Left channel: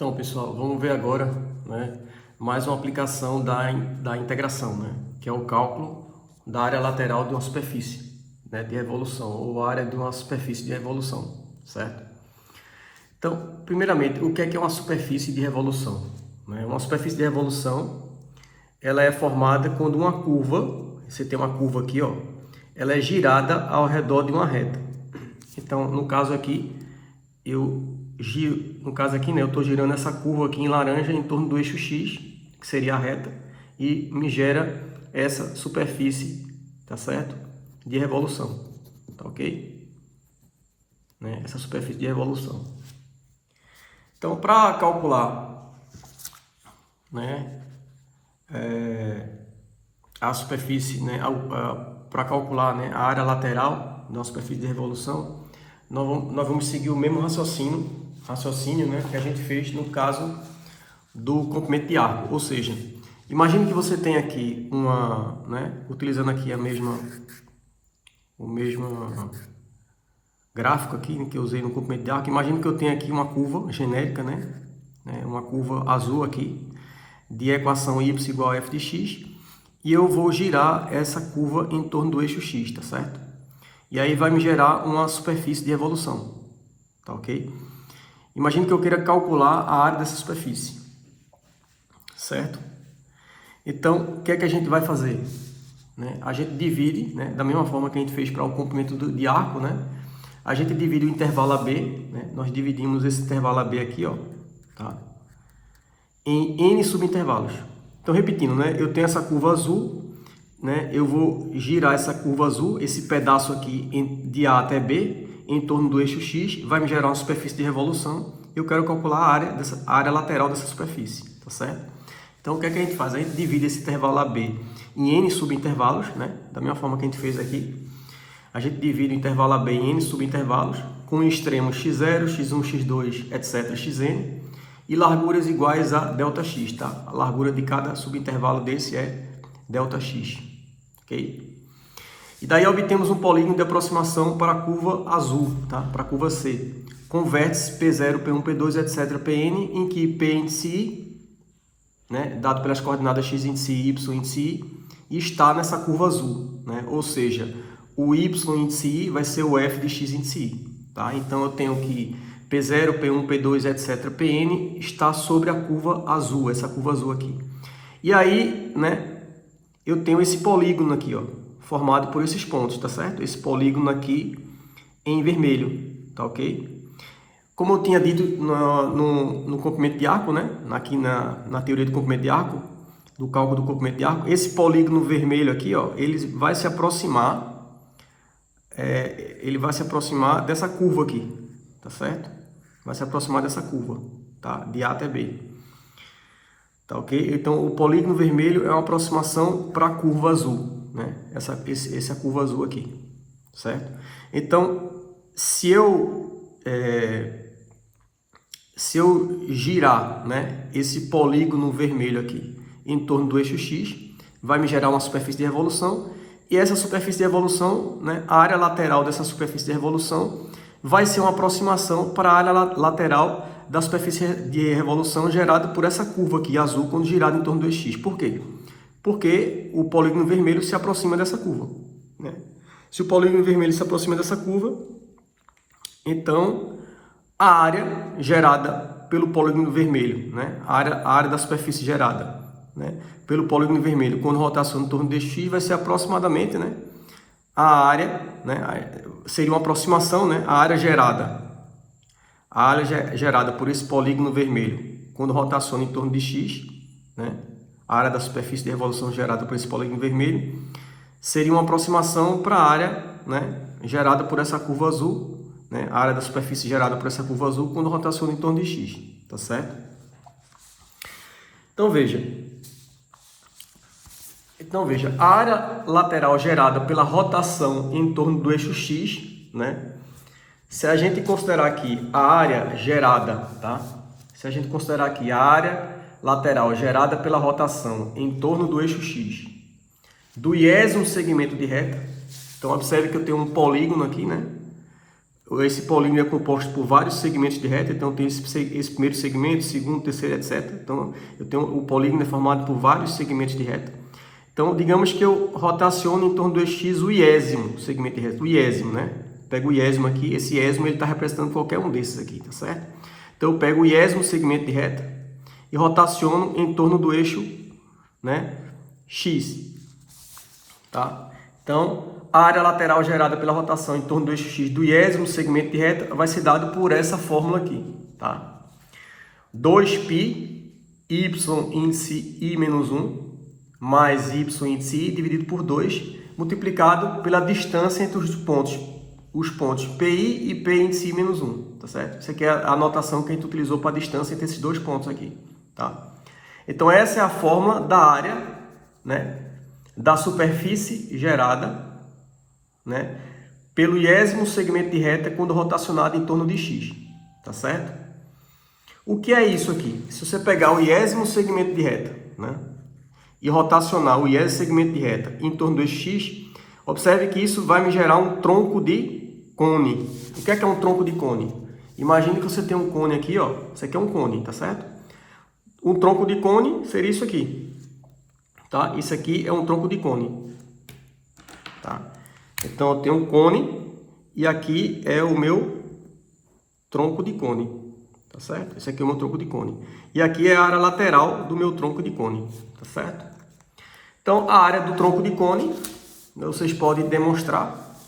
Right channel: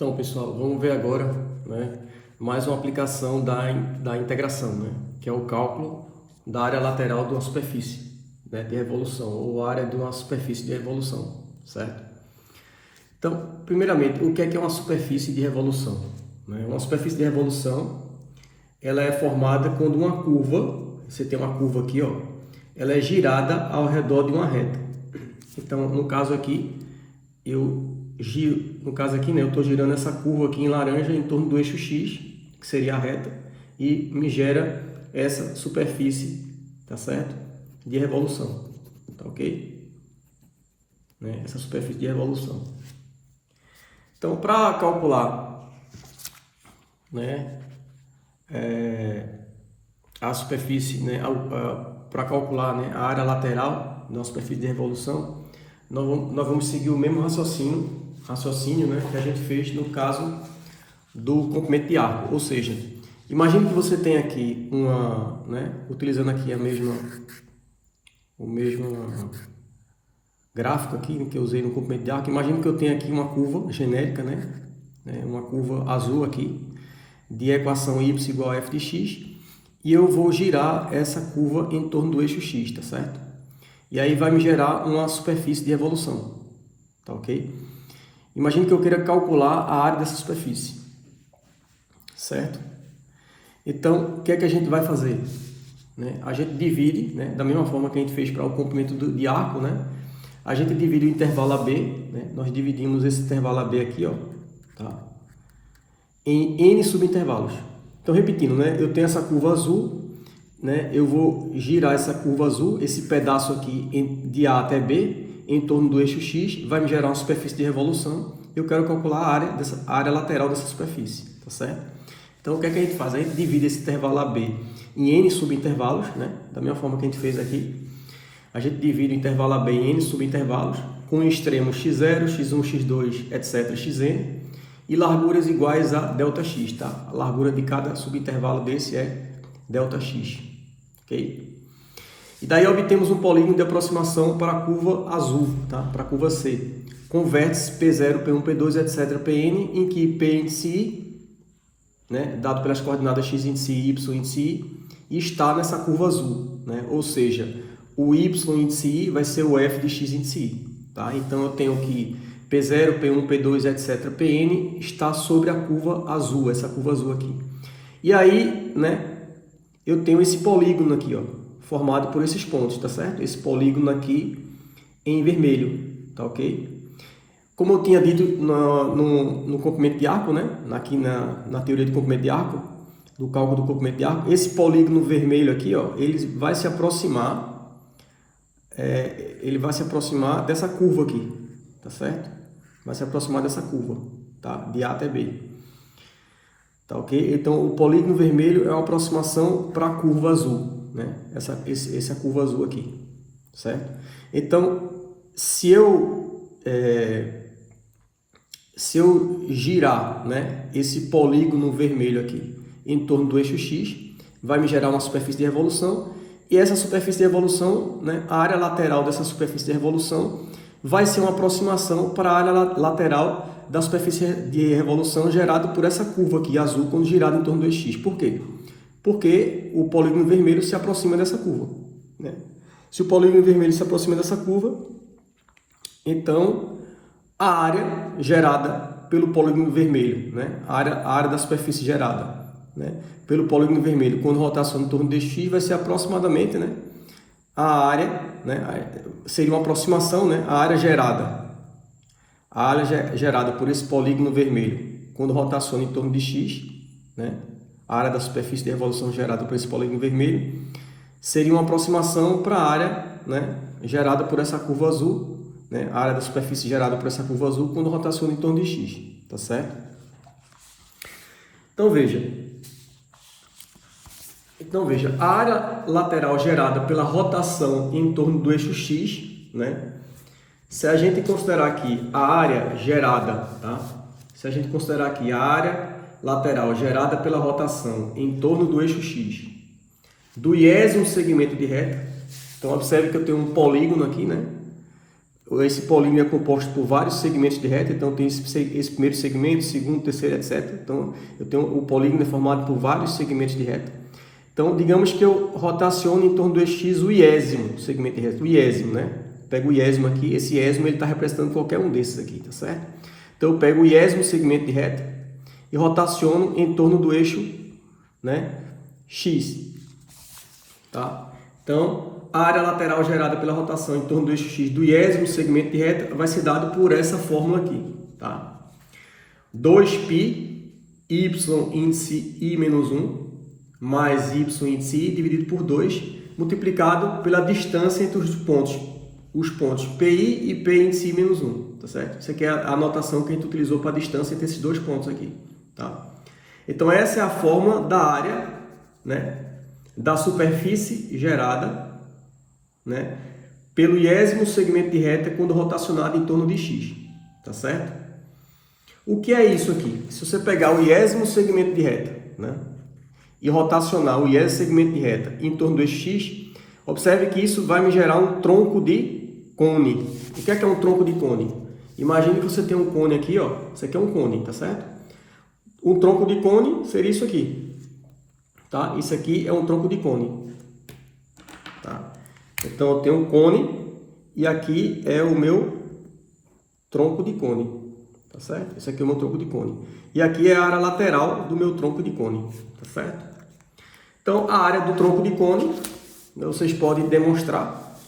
Então, pessoal, vamos ver agora, né, mais uma aplicação da integração, né, que é o cálculo da área lateral de uma superfície, né, de revolução, ou área de uma superfície de revolução, certo? Então, primeiramente, o que é uma superfície de revolução? Né? Uma superfície de revolução, ela é formada quando uma curva, você tem uma curva aqui, ó, ela é girada ao redor de uma reta. Então, no caso aqui, eu estou girando essa curva aqui em laranja em torno do eixo X, que seria a reta, e me gera essa superfície, tá certo? De revolução, tá ok? Né? Essa superfície de revolução. Então, para calcular, né, a superfície, né, para calcular, né, a área lateral de uma superfície de revolução, nós vamos seguir o mesmo raciocínio, né, que a gente fez no caso do comprimento de arco. Ou seja, imagine que você tem aqui utilizando aqui o mesmo gráfico aqui, né, que eu usei no comprimento de arco. Imagine que eu tenho aqui uma curva genérica, né, uma curva azul aqui, de equação y igual a f de x, e eu vou girar essa curva em torno do eixo x, tá certo? E aí vai me gerar uma superfície de revolução, tá ok? Imagine que eu queira calcular a área dessa superfície, certo? Então, o que é que a gente vai fazer? Né? A gente divide, né, da mesma forma que a gente fez para o comprimento de arco, né? A gente divide o intervalo AB, né? Nós dividimos esse intervalo AB aqui, ó, tá? Em N subintervalos. Então, repetindo, né? Eu tenho essa curva azul, né? Eu vou girar essa curva azul, esse pedaço aqui de A até B, em torno do eixo X, vai me gerar uma superfície de revolução. Eu quero calcular a área lateral dessa superfície, tá certo? Então, o que é que a gente faz? A gente divide esse intervalo AB em N subintervalos, né? Da mesma forma que a gente fez aqui. A gente divide o intervalo AB em N subintervalos, com extremos x0, x1, x2, etc, xn, e larguras iguais a ΔX, tá? A largura de cada subintervalo desse é ΔX, ok? E daí obtemos um polígono de aproximação para a curva azul, tá? Para a curva C, com vértices P0, P1, P2, etc, Pn, em que P índice I, né, dado pelas coordenadas x índice I, y índice I, e está nessa curva azul, né? Ou seja, o y índice I vai ser o f de x índice I, tá? Então eu tenho que P0, P1, P2, etc, Pn está sobre a curva azul, essa curva azul aqui. E aí, né, eu tenho esse polígono aqui, ó, formado por esses pontos, tá certo? Esse polígono aqui em vermelho, tá ok? Como eu tinha dito no comprimento de arco, né? Aqui na teoria do comprimento de arco, do cálculo do comprimento de arco, esse polígono vermelho aqui, ó, ele vai se aproximar dessa curva aqui, tá certo? Vai se aproximar dessa curva, tá? De A até B, tá ok? Então, o polígono vermelho é uma aproximação para a curva azul, né? Essa é a curva azul aqui, certo? Então, se eu girar, né, esse polígono vermelho aqui em torno do eixo X, vai me gerar uma superfície de revolução, e essa superfície de revolução, né, a área lateral dessa superfície de revolução vai ser uma aproximação para a área lateral da superfície de revolução gerada por essa curva aqui, azul, quando girada em torno do eixo X. Por quê? Porque o polígono vermelho se aproxima dessa curva, né? Se o polígono vermelho se aproxima dessa curva, então a área gerada pelo polígono vermelho, né? A área da superfície gerada, né, pelo polígono vermelho, quando rotaciona em torno de x, vai ser aproximadamente, né, a área, né, seria uma aproximação, né, a área gerada por esse polígono vermelho, quando rotaciona em torno de x, né, a área da superfície de revolução gerada por esse polígono vermelho, seria uma aproximação para a área, né, gerada por essa curva azul, né, a área da superfície gerada por essa curva azul quando rotaciona em torno de x, tá certo? Então veja, a área lateral gerada pela rotação em torno do eixo x, né? Se a gente considerar aqui a área gerada, tá? Se a gente considerar aqui a área lateral gerada pela rotação em torno do eixo x, do iésimo segmento de reta, então observe que eu tenho um polígono aqui, né? esse polígono é composto por vários segmentos de reta, então tem esse primeiro segmento, segundo, terceiro, etc. Então, eu tenho o polígono é formado por vários segmentos de reta. Então, digamos que eu rotaciono em torno do x o iésimo segmento de reta, o iésimo, né? Pego o iésimo aqui, esse iésimo ele está representando qualquer um desses aqui, tá certo? Então, eu pego o iésimo segmento de reta e rotaciono em torno do eixo, né, x, tá? Então, a área lateral gerada pela rotação em torno do eixo x do iésimo segmento de reta vai ser dado por essa fórmula aqui, tá? 2π y índice i menos 1 mais y índice i dividido por 2 multiplicado pela distância entre os pontos pi e p índice i menos 1, tá certo? Isso aqui é a anotação que a gente utilizou para a distância entre esses dois pontos aqui, tá? Então essa é a fórmula da área, né, da superfície gerada, né, pelo iésimo segmento de reta quando rotacionado em torno de x, tá certo? O que é isso aqui? Se você pegar o iésimo segmento de reta, né, e rotacionar o iésimo segmento de reta em torno do x, observe que isso vai me gerar um tronco de cone. O que é um tronco de cone? Imagine que você tem um cone aqui, ó. Isso aqui é um cone, tá certo? Um tronco de cone seria isso aqui, tá? Isso aqui é um tronco de cone, tá? Então, eu tenho um cone e aqui é o meu tronco de cone, tá certo? Esse aqui é o meu tronco de cone. E aqui é a área lateral do meu tronco de cone, tá certo? Então, a área do tronco de cone, vocês podem demonstrar,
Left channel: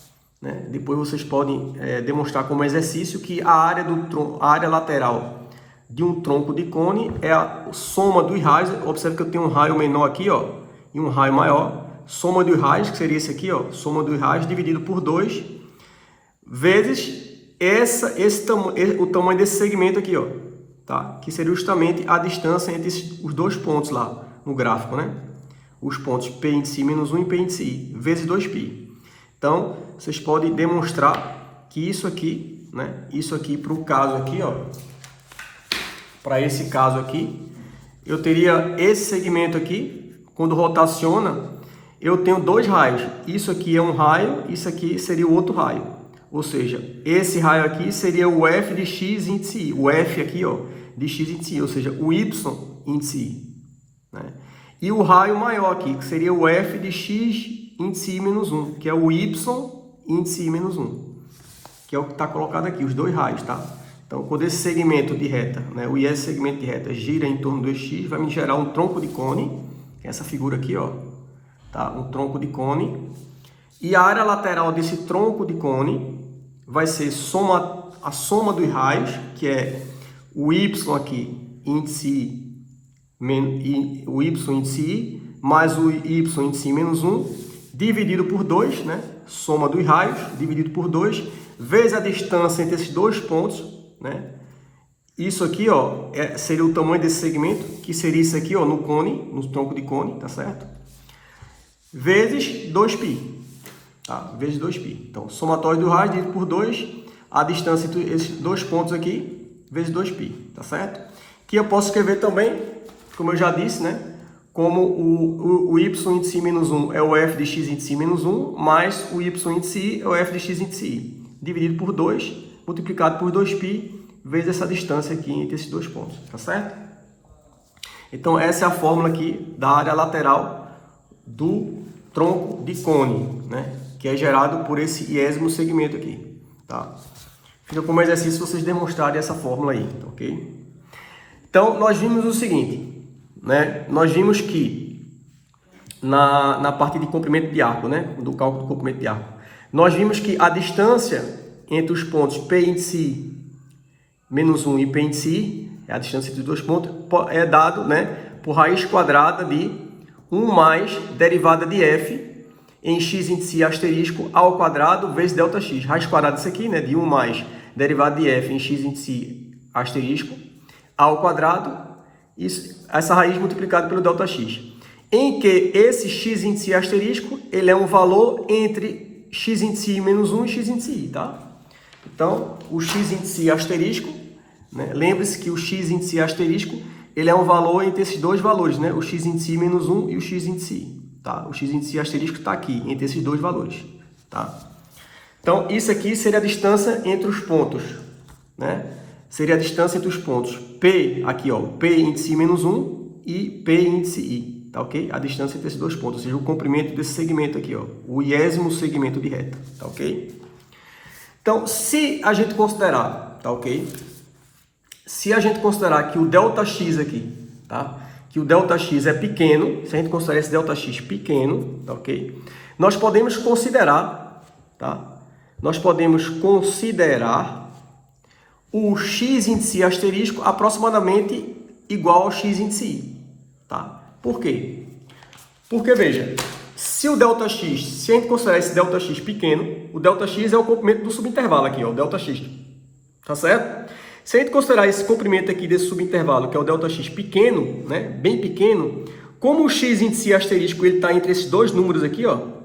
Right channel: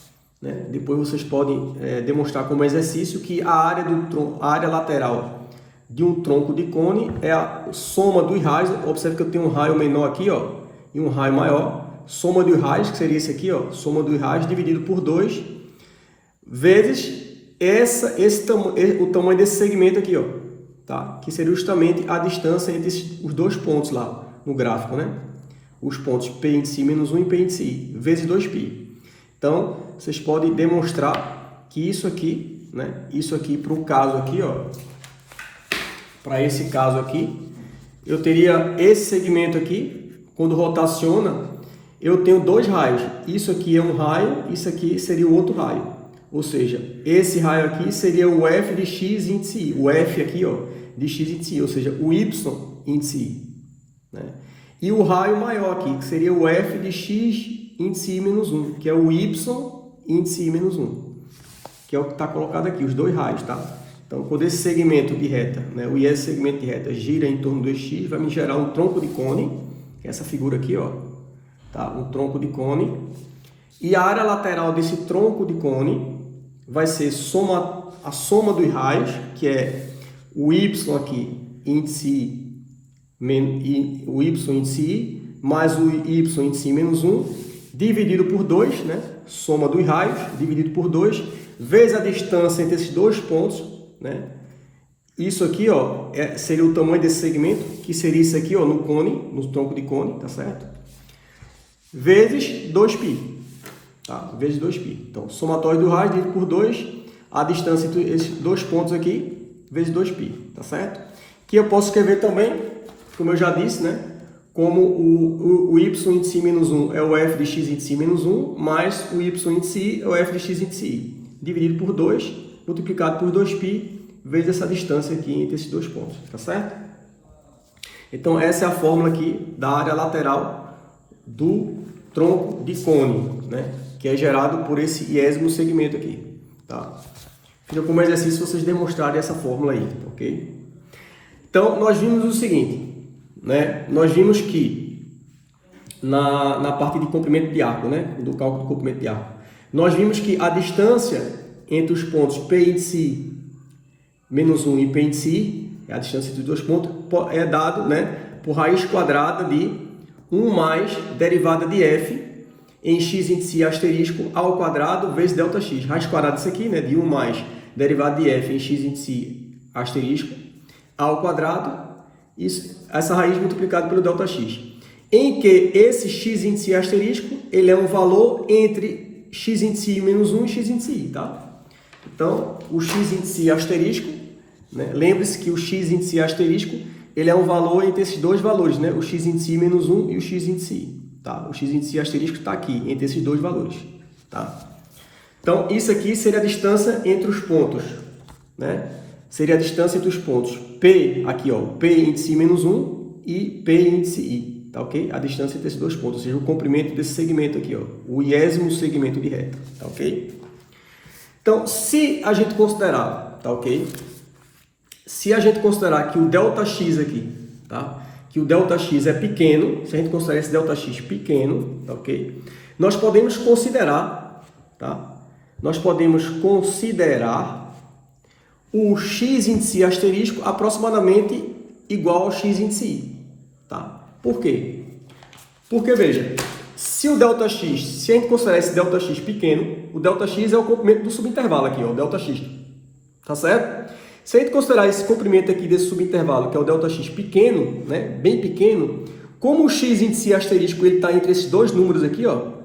né? Depois vocês podem demonstrar como exercício que a área lateral de um tronco de cone é a soma dos raios. Observe que eu tenho um raio menor aqui, ó, e um raio maior. Soma dos raios, que seria esse aqui, ó, soma dos raios dividido por 2, vezes o tamanho desse segmento aqui, ó, tá? Que seria justamente a distância entre os dois pontos lá no gráfico, né? Os pontos P índice I menos 1 e P índice I, vezes 2π. Então, vocês podem demonstrar que isso aqui, né? Isso aqui para o caso aqui, ó, para esse caso aqui, eu teria esse segmento aqui, quando rotaciona, eu tenho dois raios. Isso aqui é um raio, isso aqui seria o outro raio. Ou seja, esse raio aqui seria o F de x índice I. O F aqui, ó, de x índice I, ou seja, o Y índice I, né? E o raio maior aqui, que seria o F de x índice I menos 1, que é o Y índice I menos 1, que é o que está colocado aqui, os dois raios, tá? Então, quando esse segmento de reta, né, o IS segmento de reta gira em torno do x, vai me gerar um tronco de cone, essa figura aqui, ó, tá? Um tronco de cone. E a área lateral desse tronco de cone vai ser a soma dos raios, que é o Y aqui, índice I, o Y índice I, mais o Y índice I menos 1, dividido por 2, né? Soma dos raios, dividido por 2, vezes a distância entre esses dois pontos, né? Isso aqui, ó, seria o tamanho desse segmento, que seria isso aqui, ó, no cone, no tronco de cone, tá certo? Vezes 2π, tá? Vezes 2π. Então, somatório do raio dividido por 2, a distância entre esses dois pontos aqui, vezes 2π, tá certo? Que eu posso escrever também, como eu já disse, né? Como o Y índice I menos 1 é o F de x índice I menos 1, mais o Y índice I é o F de x índice I, dividido por 2, multiplicado por 2π, vezes essa distância aqui entre esses dois pontos, tá certo? Então, essa é a fórmula aqui da área lateral do tronco de cone, né? Que é gerado por esse iésimo segmento aqui, tá? Fica como exercício vocês demonstrarem essa fórmula aí, ok? Então, nós vimos o seguinte, né? Nós vimos que na parte de comprimento de arco, né? Do cálculo do comprimento de arco, nós vimos que a distância entre os pontos P índice I menos 1 e P índice I, é a distância entre os dois pontos, é dado, né, por raiz quadrada de 1 mais derivada de F em x índice I asterisco ao quadrado vezes ΔX. Raiz quadrada isso aqui, né, de 1 mais derivada de F em x índice I asterisco ao quadrado, essa raiz multiplicada pelo ΔX. Em que esse x índice I asterisco, ele é um valor entre x índice I menos 1 e x índice I, tá? Então, o x índice I asterisco, né? Lembre-se que o x índice I asterisco, ele é um valor entre esses dois valores, né? O x índice I menos 1 e o x índice I, tá? O x índice I asterisco está aqui, entre esses dois valores, tá? Então, isso aqui seria a distância entre os pontos, né? Seria a distância entre os pontos P, aqui ó, P índice menos 1 e P índice I, tá ok? A distância entre esses dois pontos, ou seja, o comprimento desse segmento aqui, ó, o iésimo segmento de reta, tá ok? Então, se a gente considerar, tá ok? Se a gente considerar que o ΔX aqui, tá? Que o ΔX é pequeno, se a gente considerar esse ΔX pequeno, tá ok? Nós podemos considerar, tá? Nós podemos considerar o x índice I asterisco aproximadamente igual ao x índice I, tá? Por quê? Porque, veja, se o ΔX, se a gente considerar esse ΔX pequeno, o ΔX é o comprimento do subintervalo aqui, ó, o ΔX, tá certo? Se a gente considerar esse comprimento aqui desse subintervalo, que é o ΔX pequeno, né, bem pequeno, como o x índice I asterisco ele está entre esses dois números aqui, ó,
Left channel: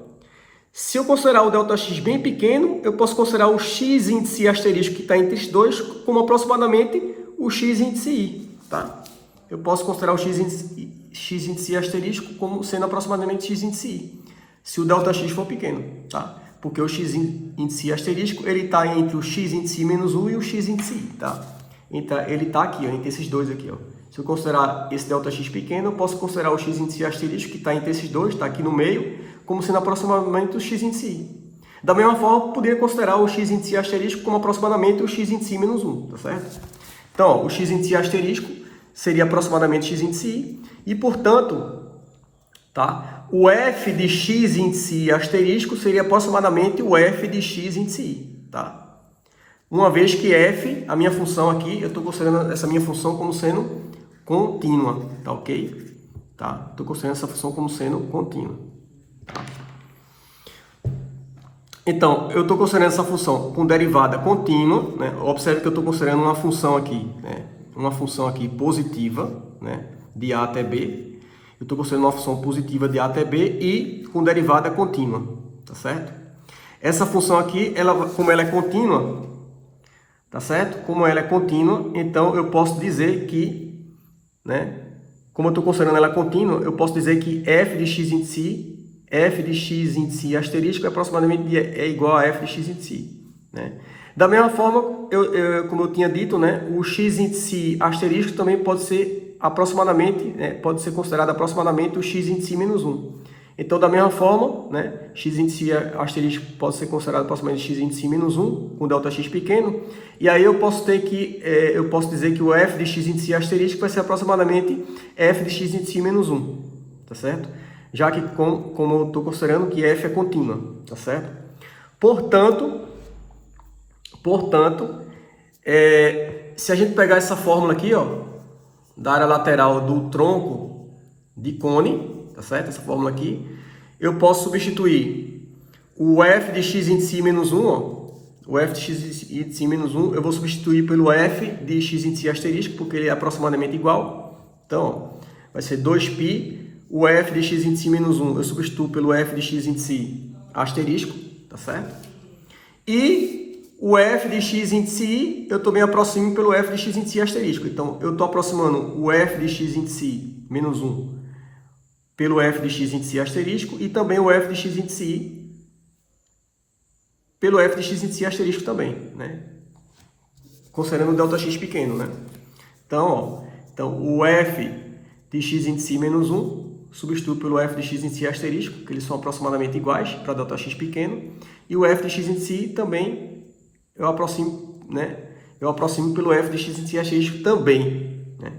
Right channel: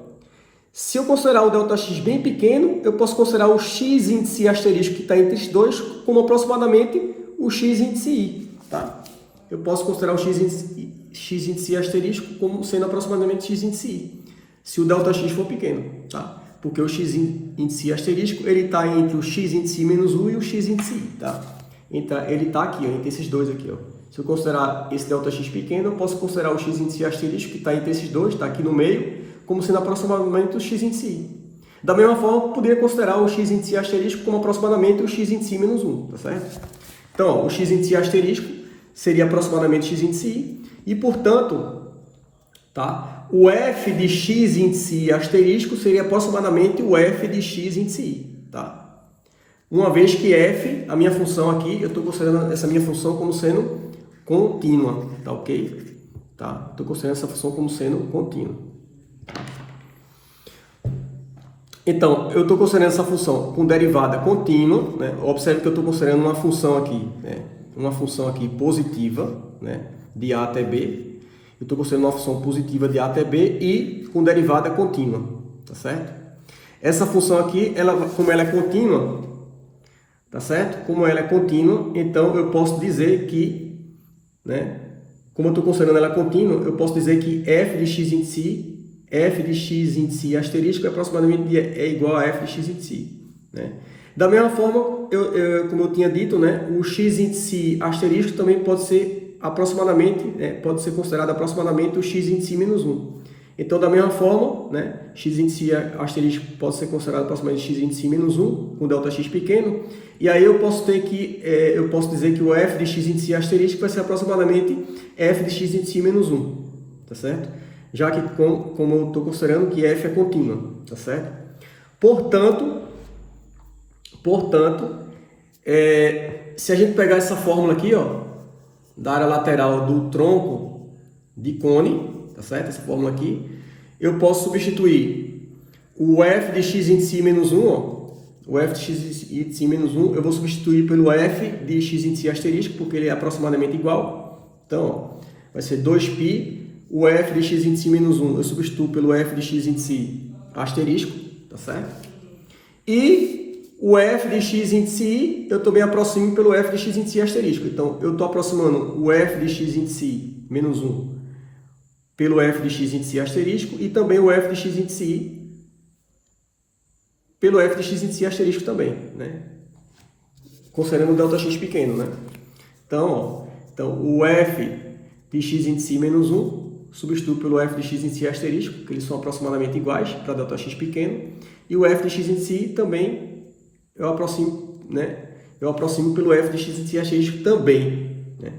se eu considerar o ΔX bem pequeno, eu posso considerar o x índice I asterisco que está entre esses dois como aproximadamente o x índice I, tá? Eu posso considerar o x índice I asterisco como sendo aproximadamente x índice I, se o ΔX for pequeno, tá? Porque o x índice I asterisco ele está entre o x índice I menos 1 e o x índice I, tá? Então, ele está aqui, ó, entre esses dois aqui, ó. Se eu considerar esse ΔX pequeno, eu posso considerar o x índice I asterisco que está entre esses dois, está aqui no meio, como sendo aproximadamente o x índice I. Da mesma forma, eu poderia considerar o x índice I asterisco como aproximadamente o x índice I menos 1, tá certo? Então, ó, o x índice I asterisco seria aproximadamente x índice I, e, portanto, tá, o f de x índice I asterisco seria aproximadamente o f de x índice I, tá? Uma vez que f, a minha função aqui, eu estou considerando essa minha função como sendo contínua, tá ok? Tá? Estou considerando essa função como sendo contínua. Então, eu estou considerando essa função com derivada contínua, né? Observe que eu estou considerando uma função aqui, né? Uma função aqui positiva, né? De A até B. Eu estou considerando uma função positiva de A até B e com derivada contínua, tá certo? Essa função aqui, como ela é contínua, tá certo? Como ela é contínua, então eu posso dizer que, né? Como eu estou considerando ela contínua, eu posso dizer que f de x índice I, f de x índice I asterisco é aproximadamente igual a f de x índice I, né? Da mesma forma, como eu tinha dito, né? O x índice I asterisco também pode ser aproximadamente, né? Pode ser considerado aproximadamente o x índice I menos 1. Então, da mesma forma, né? X índice I asterisco pode ser considerado aproximadamente x índice I menos 1, com ΔX pequeno. E aí eu posso dizer que o f de x índice I asterisco vai ser aproximadamente f de x índice I menos 1, tá certo? Já que, como eu estou considerando que f é contínua, tá certo? Portanto, se a gente pegar essa fórmula aqui, ó, da área lateral do tronco de cone, tá certo? Essa fórmula aqui, eu posso substituir o f de x índice I menos 1, ó, o f de x índice I menos 1, eu vou substituir pelo f de x índice I asterisco, porque ele é aproximadamente igual. Então, ó, vai ser 2π, o f de x índice I menos 1, eu substituo pelo f de x índice I asterisco, tá certo? E o f de x índice I, eu também aproximo pelo f de x índice I asterisco. Então, eu estou aproximando o f de x índice I menos 1 pelo f de x índice I asterisco e também o f de x índice I pelo f de x índice I asterisco também, né? Considerando o ΔX pequeno, né? Então, o f de x índice I menos 1 substituo pelo f de x índice I asterisco, que eles são aproximadamente iguais para ΔX pequeno, e o f de x índice I também eu aproximo, né? Eu aproximo pelo f de x índice I asterisco também, né?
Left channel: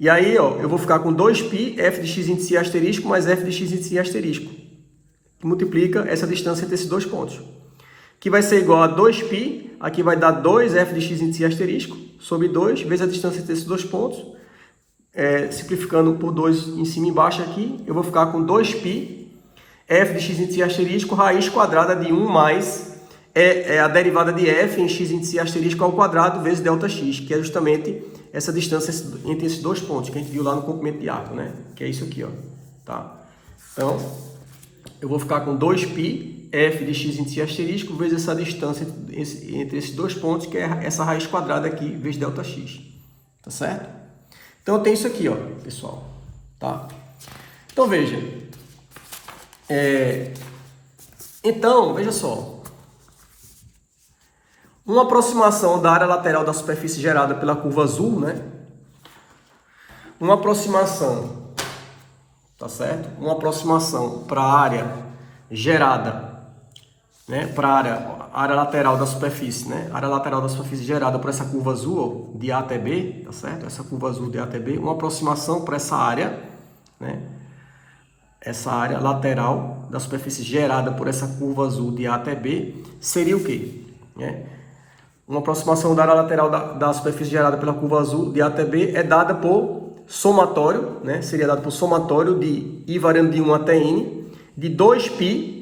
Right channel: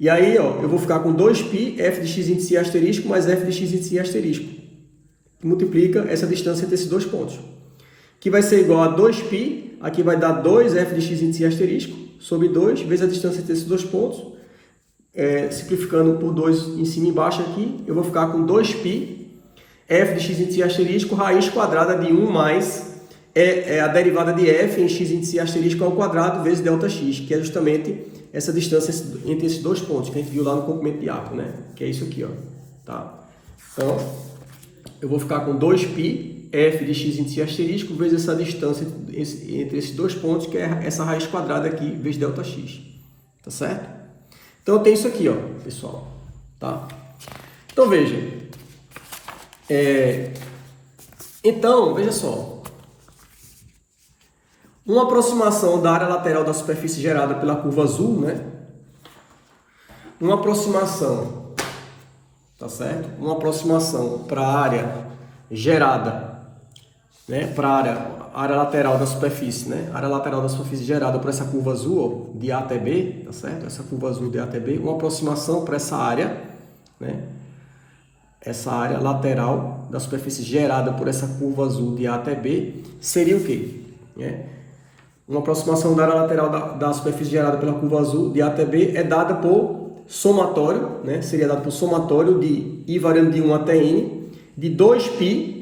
E aí, ó, eu vou ficar com 2π f de x índice I asterisco mais f de x índice I asterisco, que multiplica essa distância entre esses dois pontos, que vai ser igual a 2π, aqui vai dar 2f de x índice I asterisco, sobre 2, vezes a distância entre esses dois pontos, simplificando por 2 em cima e embaixo aqui, eu vou ficar com 2π f de x índice I asterisco, raiz quadrada de 1 mais a derivada de f em x índice I asterisco ao quadrado vezes ΔX, que é justamente essa distância entre esses dois pontos, que a gente viu lá no comprimento de arco, né? Que é isso aqui, ó. Tá? Então, eu vou ficar com 2π f de x índice I asterisco vezes essa distância entre esses dois pontos, que é essa raiz quadrada aqui, vezes ΔX. Tá certo? Então, tem isso aqui, ó, pessoal. Tá? Então, veja. Então, veja só. Uma aproximação da área lateral da superfície gerada pela curva azul, né? Uma aproximação, tá certo? Uma aproximação para a área gerada, né? Para a área lateral da superfície, né? A área lateral da superfície gerada por essa curva azul, ó, de A até B, tá certo? Essa curva azul de A até B, uma aproximação para essa área, né? Essa área lateral da superfície gerada por essa curva azul de A até B seria o quê? Né? Uma aproximação da área lateral da superfície gerada pela curva azul de A até B é dada por somatório, né? Seria dado por somatório de I variando de 1 até N, de 2π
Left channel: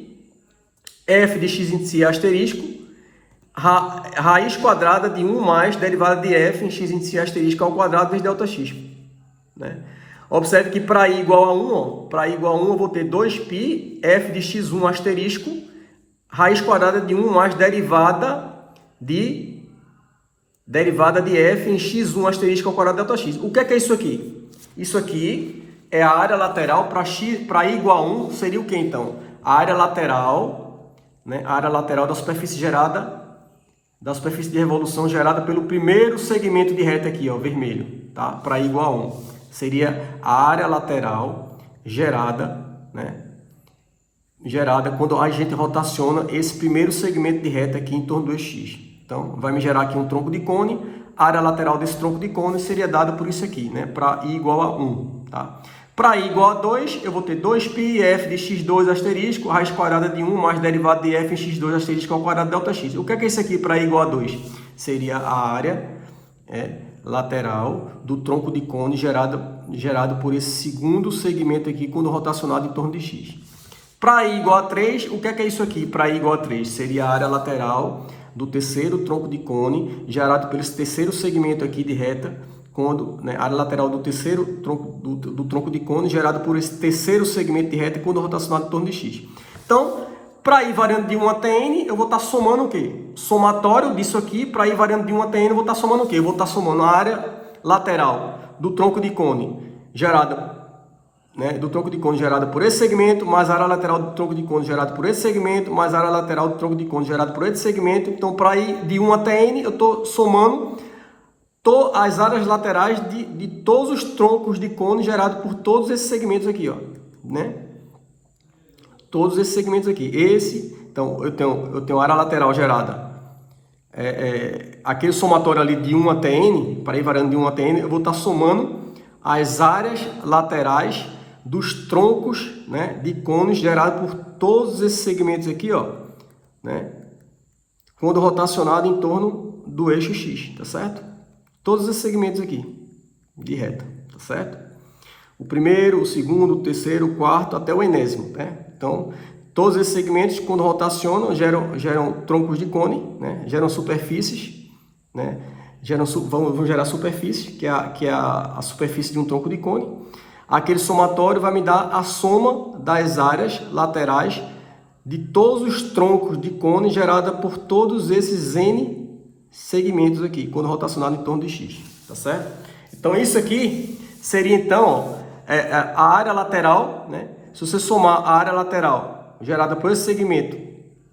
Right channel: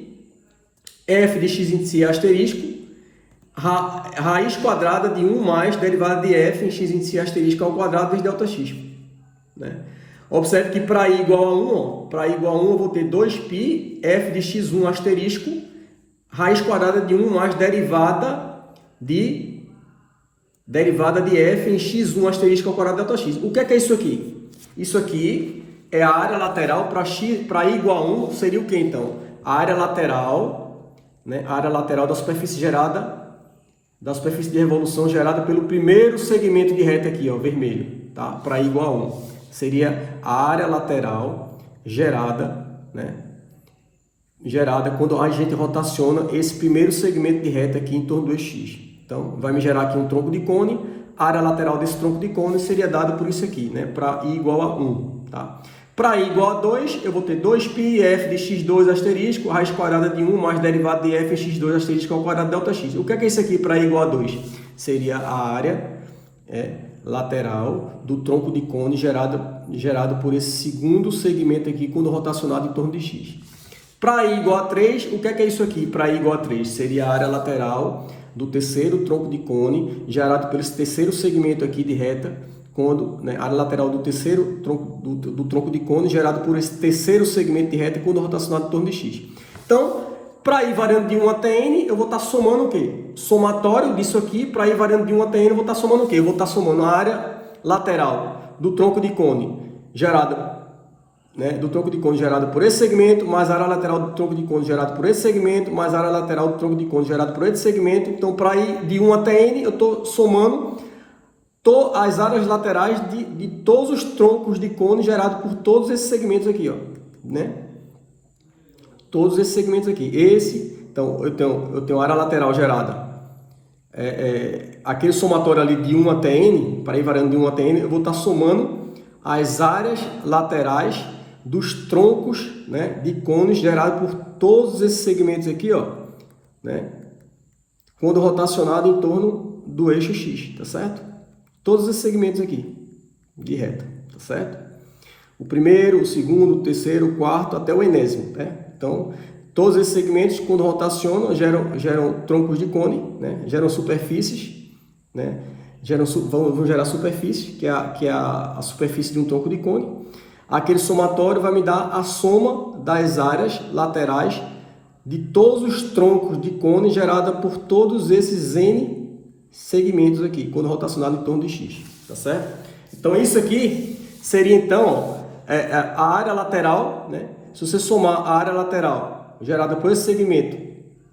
f de x índice asterisco, raiz quadrada de 1 mais derivada de f em x índice asterisco ao quadrado vezes ΔX. Né? Observe que para i igual a 1, para i igual a 1 eu vou ter 2π f de x1 asterisco, raiz quadrada de 1 mais derivada de f em x1 asterisco ao quadrado ΔX. O que é isso aqui? Isso aqui é a área lateral para i igual a 1, seria o que então? A área lateral, né? A área lateral da superfície gerada, da superfície de revolução gerada pelo primeiro segmento de reta aqui, ó, vermelho, tá? Para i igual a 1. Seria a área lateral gerada, né? Gerada quando a gente rotaciona esse primeiro segmento de reta aqui em torno do x. Então, vai me gerar aqui um tronco de cone. A área lateral desse tronco de cone seria dada por isso aqui, né? Para i igual a 1, tá? Para i igual a 2, eu vou ter 2π f de x2 asterisco, raiz quadrada de 1 mais derivada de f em x2 asterisco ao quadrado ΔX. O que é isso aqui para i igual a 2? Seria a área lateral do tronco de cone gerado por esse segundo segmento aqui quando rotacionado em torno de x. Para i igual a 3, o que é isso aqui? Para i igual a 3 seria a área lateral do terceiro tronco de cone gerado por esse terceiro segmento aqui de reta, quando, né, a área lateral do terceiro tronco de cone gerado por esse terceiro segmento de reta quando rotacionado em torno de x. Então, para i variando de 1 até n, eu vou estar somando o quê? Somatório disso aqui, para i variando de 1 até n, eu vou estar somando o quê? Eu vou estar somando a área lateral do tronco de cone gerada, né, do tronco de cone gerada por esse segmento, mais a área lateral do tronco de cone gerada por esse segmento, mais a área lateral do tronco de cone gerada por esse segmento. Então, para ir de 1 até n, eu estou somando as áreas laterais de todos os troncos de cone gerados por todos esses segmentos aqui, ó, né? Todos esses segmentos aqui. Então, eu tenho área lateral gerada. Aquele somatório ali de 1 até n, para ir variando de 1 até n, eu vou estar somando as áreas laterais dos troncos, né, de cones gerados por todos esses segmentos aqui, ó, né, quando rotacionado em torno do eixo x, tá certo? Todos esses segmentos aqui de reta, tá certo? O primeiro, o segundo, o terceiro, o quarto, até o enésimo, né? Então, todos esses segmentos, quando rotacionam, geram troncos de cone, né? Geram superfícies, né? Vão gerar superfície, que é a superfície de um tronco de cone. Aquele somatório vai me dar a soma das áreas laterais de todos os troncos de cone gerada por todos esses n segmentos aqui, quando rotacionado em torno de x, tá certo? Então, isso aqui seria, então, a área lateral, né? Se você somar a área lateral gerada por esse segmento,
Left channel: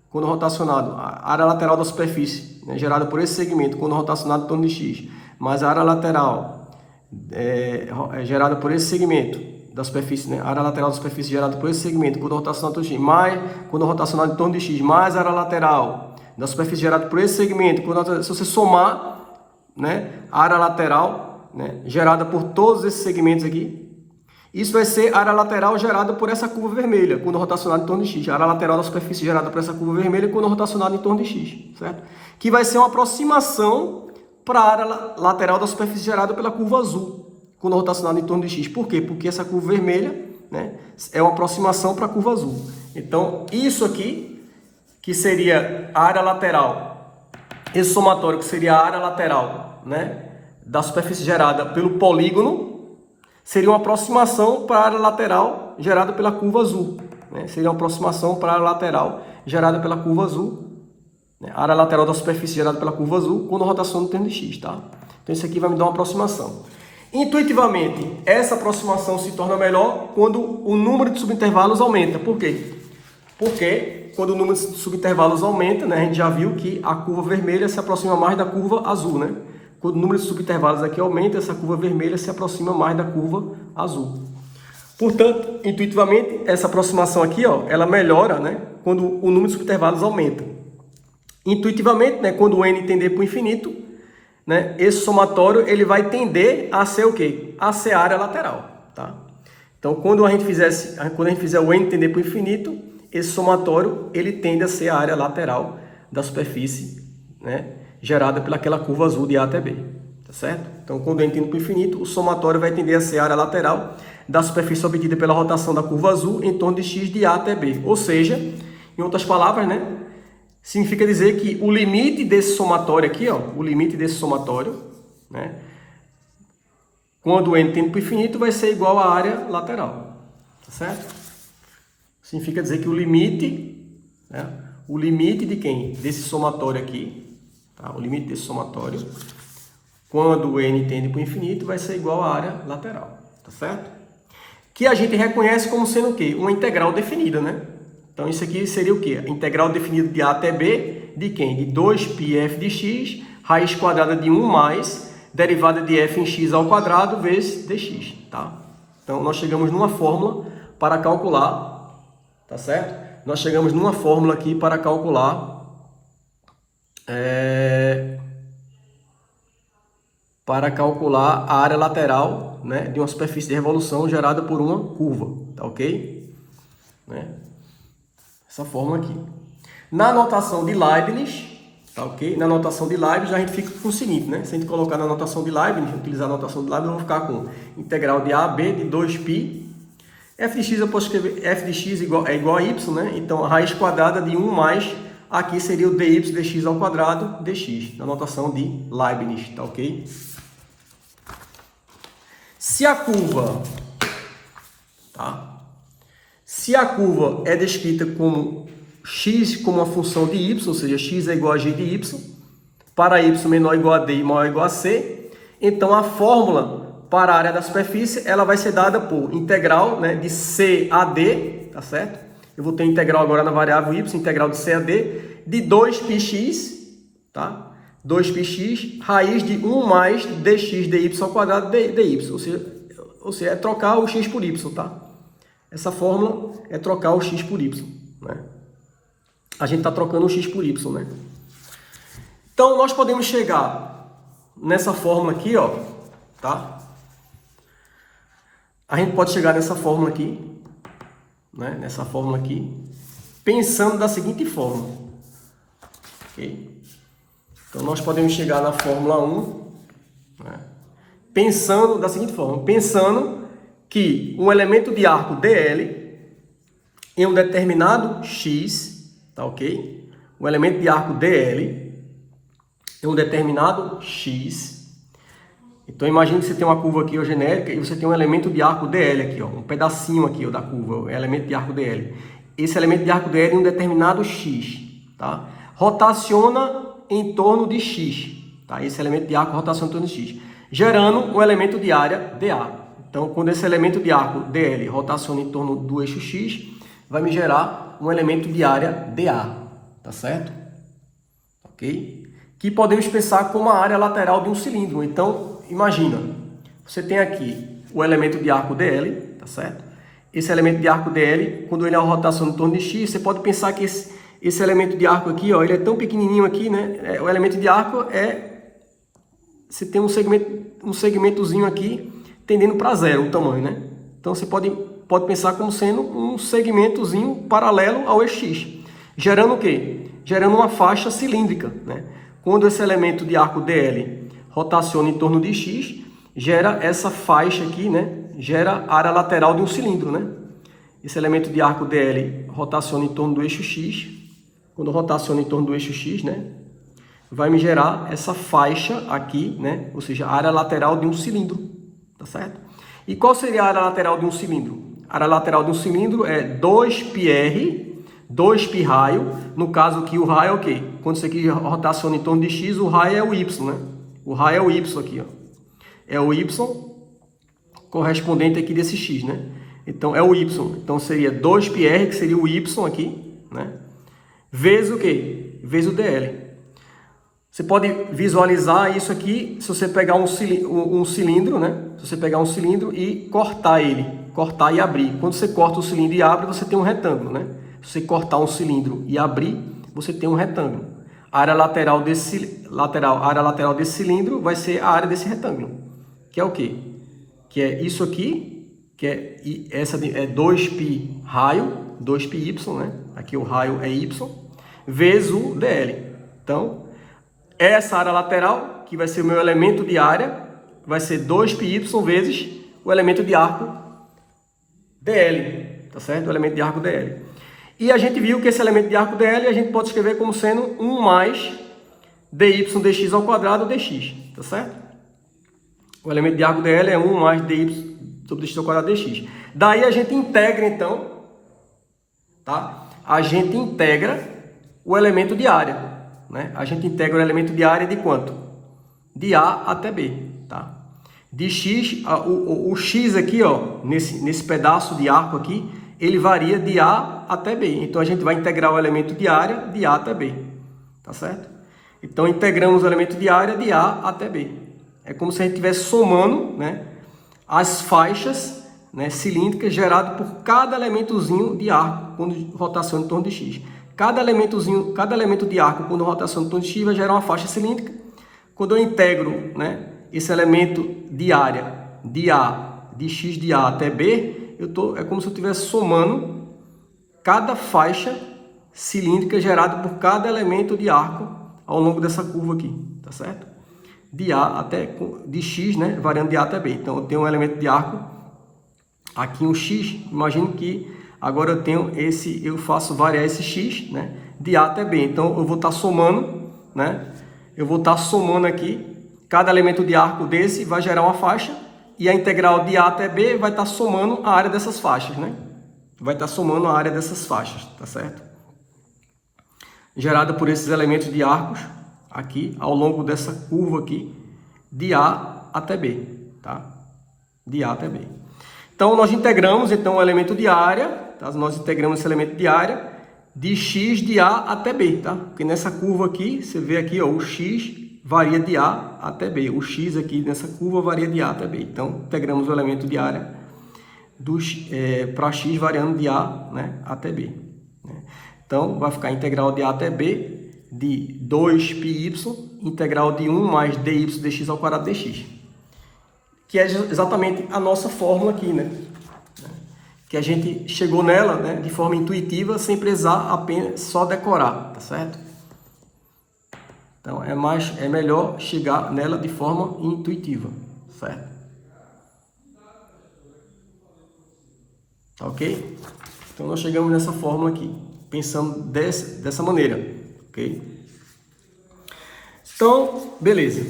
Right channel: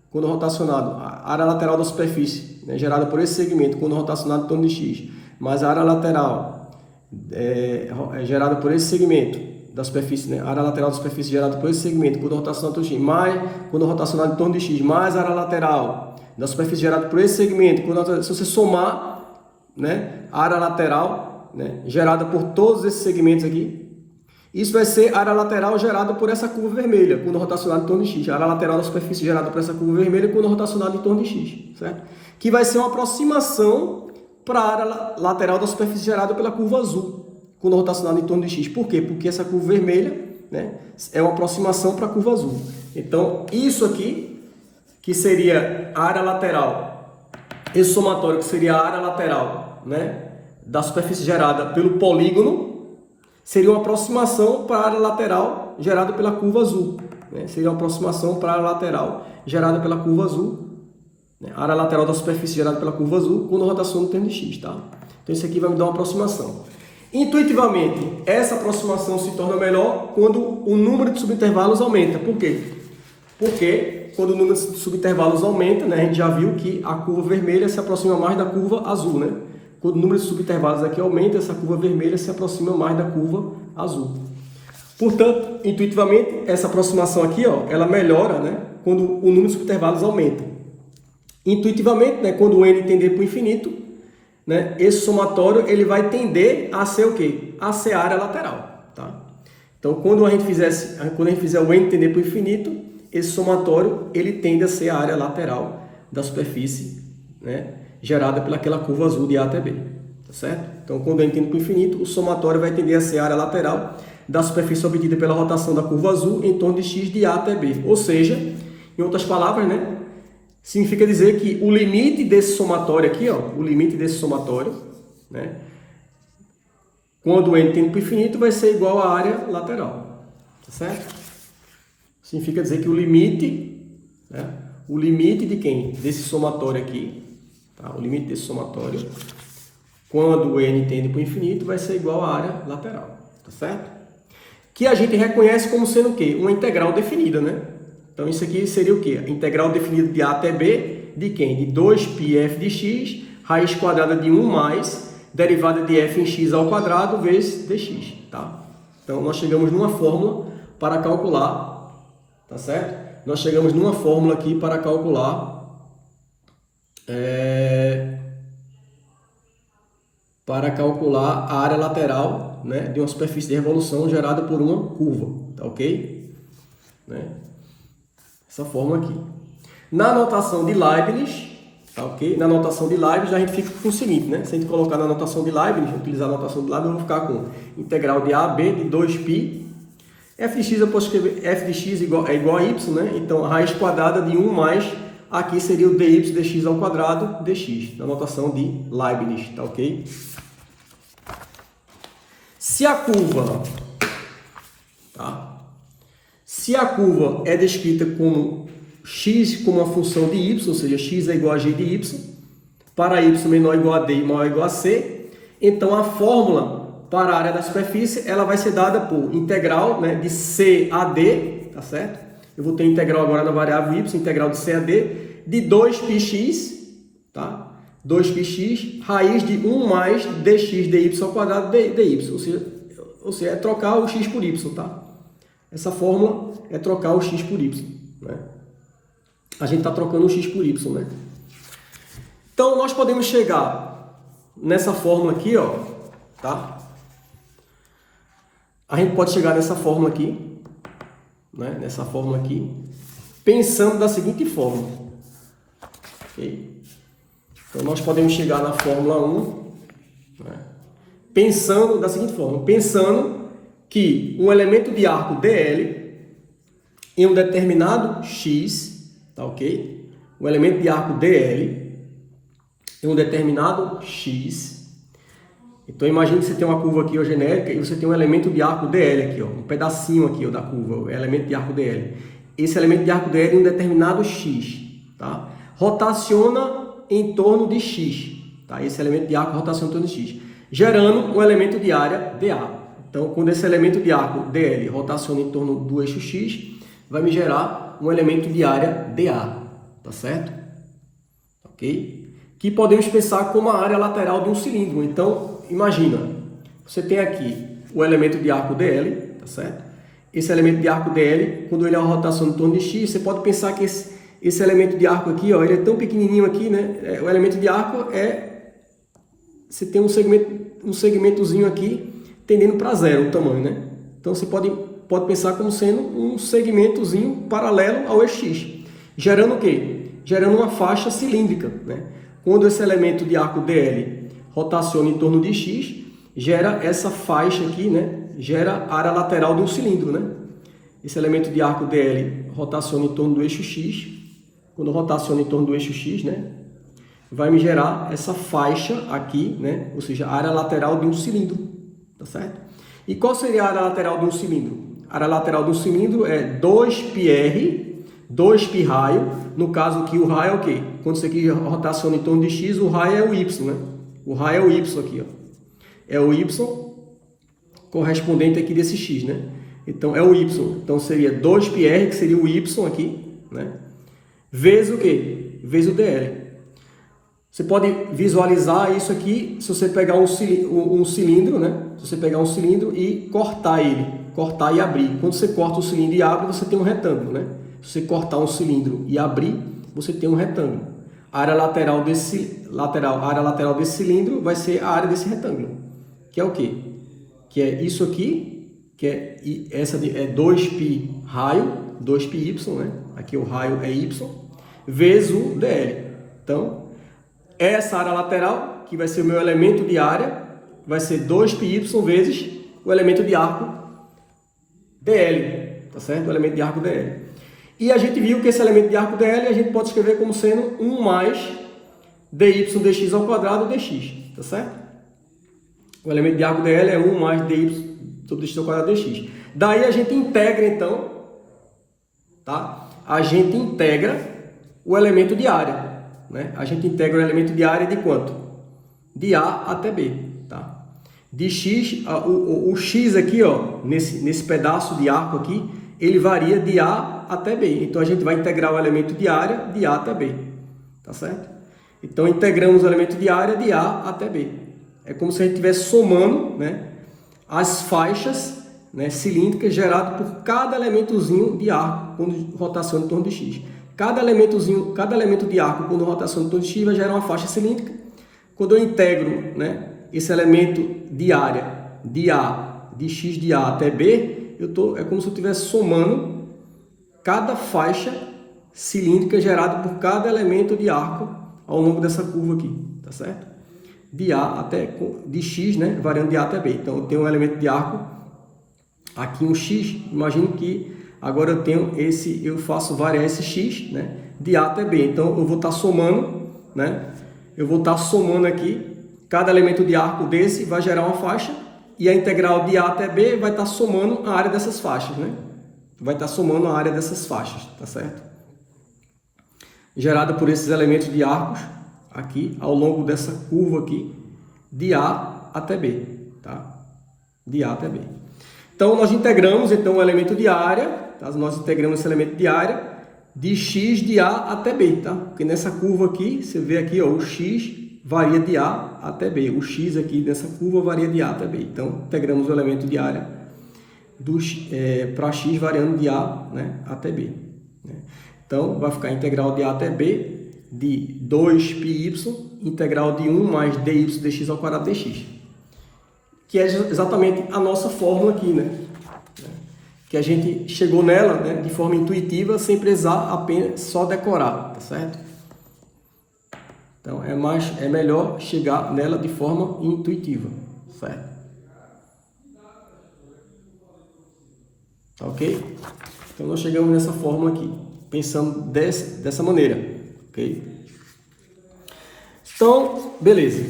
quando rotacionado, a área lateral da superfície, né, gerada por esse segmento, quando rotacionado em torno de x, mais a área lateral gerada por esse segmento da superfície, né, a área lateral da superfície gerada por esse segmento, quando rotacionado em torno de x, mais quando rotacionado em torno de x, mais a área lateral da superfície gerada por esse segmento, se você somar, né, a área lateral, né, gerada por todos esses segmentos aqui, isso vai ser a área lateral gerada por essa curva vermelha, quando rotacionado em torno de x. A área lateral da superfície gerada por essa curva vermelha quando rotacionado em torno de x, certo? Que vai ser uma aproximação para a área lateral da superfície gerada pela curva azul, quando rotacionado em torno de x. Por quê? Porque essa curva vermelha, né, é uma aproximação para a curva azul. Então, isso aqui, que seria a área lateral, esse somatório que seria a área lateral, né, da superfície gerada pelo polígono, seria uma aproximação para a área lateral gerada pela curva azul, né? Seria uma aproximação para a área lateral gerada pela curva azul, né? A área lateral da superfície gerada pela curva azul quando a rotação no termo de x, tá? Então, isso aqui vai me dar uma aproximação. Intuitivamente, essa aproximação se torna melhor quando o número de subintervalos aumenta. Por quê? Porque quando o número de subintervalos aumenta, né, a gente já viu que a curva vermelha se aproxima mais da curva azul, né? Quando o número de subintervalos aqui aumenta, essa curva vermelha se aproxima mais da curva azul. Portanto, intuitivamente, essa aproximação aqui, ó, ela melhora, né, quando o número de subintervalos aumenta. Intuitivamente, né, quando o n tender para o infinito, né, esse somatório ele vai tender a ser o quê? A ser a área lateral. Tá? Então, quando a gente fizer o n tender para o infinito, esse somatório ele tende a ser a área lateral da superfície, né, gerada pelaquela curva azul de A até B. Tá certo? Então, quando n tende para o infinito, o somatório vai tender a ser a área lateral da superfície obtida pela rotação da curva azul em torno de x de A até B. Ou seja, em outras palavras, né, significa dizer que o limite desse somatório aqui, ó, o limite desse somatório, né, quando o n tende para o infinito, vai ser igual à área lateral. Tá certo? Significa dizer que o limite, né, o limite de quem? Desse somatório aqui, tá? O limite desse somatório, quando o n tende para o infinito, vai ser igual à área lateral. Tá certo? Que a gente reconhece como sendo o quê? Uma integral definida, né? Então, isso aqui seria o quê? A integral definida de A até B, de quem? De 2πf de x, raiz quadrada de 1 mais, derivada de f em x ao quadrado, vezes dx, tá? Então, nós chegamos numa fórmula para calcular, tá certo? Nós chegamos numa fórmula aqui para calcular a área lateral, né, de uma superfície de revolução gerada por uma curva, tá ok? Né? Essa forma aqui. Na notação de Leibniz, tá ok? Na notação de Leibniz a gente fica com o seguinte, né? Se a gente colocar na notação de Leibniz, utilizar a notação de Leibniz, vamos ficar com integral de A a B de 2π. F de x eu posso escrever f de x é igual a y, né? Então a raiz quadrada de 1 mais, aqui seria o dy dx ao quadrado dx, na notação de Leibniz, tá ok? Se a curva é descrita como x como uma função de y, ou seja, x é igual a g de y, para y menor ou igual a d e maior ou igual a c, então a fórmula para a área da superfície ela vai ser dada por integral, né, de c a d, tá certo? Eu vou ter integral agora na variável y, integral de c a d, de 2πx, tá? 2πx, raiz de 1 mais dx dy ao quadrado dy, ou seja, é trocar o x por y, tá? Essa fórmula é trocar o x por y, né? A gente está trocando o x por y, né? Então, nós podemos chegar nessa fórmula aqui, ó, tá? A gente pode chegar nessa fórmula aqui, né? Nessa fórmula aqui, pensando da seguinte forma, ok? Então, nós podemos chegar na fórmula 1, né, pensando da seguinte forma, pensando que um elemento de arco DL em um determinado x, tá ok? Um elemento de arco DL em um determinado x. Então, imagine que você tem uma curva aqui, ó, genérica, e você tem um elemento de arco DL aqui, ó, um pedacinho aqui, ó, da curva, o elemento de arco DL. Esse elemento de arco DL em um determinado x, tá? Rotaciona em torno de x, tá? Esse elemento de arco rotaciona em torno de x, gerando um elemento de área dA. Então, quando esse elemento de arco DL rotaciona em torno do eixo x, vai me gerar um elemento de área dA, tá certo? Ok? Que podemos pensar como a área lateral de um cilindro. Então, imagina, você tem aqui o elemento de arco DL, tá certo? Esse elemento de arco DL, quando ele é uma rotação em torno de x, você pode pensar que esse elemento de arco aqui, ó, ele é tão pequenininho aqui, né? O elemento de arco você tem um segmentozinho aqui tendendo para zero o tamanho, né? Então você pode pensar como sendo um segmentozinho paralelo ao eixo x, gerando o quê? Gerando uma faixa cilíndrica, né? Quando esse elemento de arco DL rotaciona em torno de x, gera essa faixa aqui, né? Gera a área lateral de um cilindro, né? Esse elemento de arco DL rotaciona em torno do eixo x. Quando rotaciona em torno do eixo x, né, vai me gerar essa faixa aqui, né, ou seja, a área lateral de um cilindro, tá certo? E qual seria a área lateral de um cilindro? A área lateral de um cilindro é 2πr, 2π raio, no caso aqui o raio é o quê? Quando isso aqui rotaciona em torno de x, o raio é o y, né? O raio é o y aqui, ó. É o y correspondente aqui desse x, né? Então, é o y. Então, seria 2πr, que seria o y aqui, né? vezes o quê? Vezes o DL. Você pode visualizar isso aqui se você pegar um cilindro, né? Se você pegar um cilindro e cortar ele, cortar e abrir. Quando você corta o cilindro e abre, você tem um retângulo, né? Se você cortar um cilindro e abrir, você tem um retângulo. A área lateral desse cilindro vai ser a área desse retângulo, que é o quê? Que é isso aqui, que é essa é 2π raio, 2πy, né? Aqui o raio é y, vezes o dl. Então, essa área lateral, que vai ser o meu elemento de área, vai ser 2πy vezes o elemento de arco dl, tá certo? O elemento de arco dl. E a gente viu que esse elemento de arco dl a gente pode escrever como sendo 1 mais dy dx ao quadrado dx, tá certo? O elemento de arco dl é 1 mais dy sobre dx ao quadrado dx. Daí a gente integra, então, tá? A gente integra o elemento de área, né? A gente integra o elemento de área de quanto? De A até B, tá? De X, o X aqui, ó, nesse pedaço de arco aqui, ele varia de A até B. Então, a gente vai integrar o elemento de área de A até B, tá certo? Então, integramos o elemento de área de A até B. É como se a gente estivesse somando, né, as faixas, né, cilíndricas geradas por cada elementozinho de arco quando rotaciona em torno de X. Cada elemento de arco quando rotaciona em torno de X vai gerar uma faixa cilíndrica. Quando eu integro, né, esse elemento de área de A, de X de A até B, é como se eu estivesse somando cada faixa cilíndrica gerada por cada elemento de arco ao longo dessa curva aqui, tá certo? De A até, de X, né, variando de A até B. Então, eu tenho um elemento de arco, aqui um X, imagino que agora eu faço variar esse X, né, de A até B. Então, eu vou estar somando, né, aqui, cada elemento de arco desse vai gerar uma faixa, e a integral de A até B vai estar somando a área dessas faixas, né? Vai estar somando a área dessas faixas, tá certo? Gerada por esses elementos de arcos aqui, ao longo dessa curva aqui, de A até B, tá? De A até B. Então, nós integramos, então, o elemento de área, tá? Nós integramos esse elemento de área de X de A até B, tá? Porque nessa curva aqui, você vê aqui, ó, o X varia de A até B. O X aqui nessa curva varia de A até B. Então, integramos o elemento de área para X variando de A, né, até B. Né? Então, vai ficar integral de A até B de 2πy, integral de 1 mais dy dx ao quadrado dx. Que é exatamente a nossa fórmula aqui, né? Que a gente chegou nela, né, de forma intuitiva, sem precisar apenas só decorar, tá certo? Então, é melhor chegar nela de forma intuitiva, certo? Tá ok? Então, nós chegamos nessa fórmula aqui, pensando dessa maneira, ok? Então, beleza.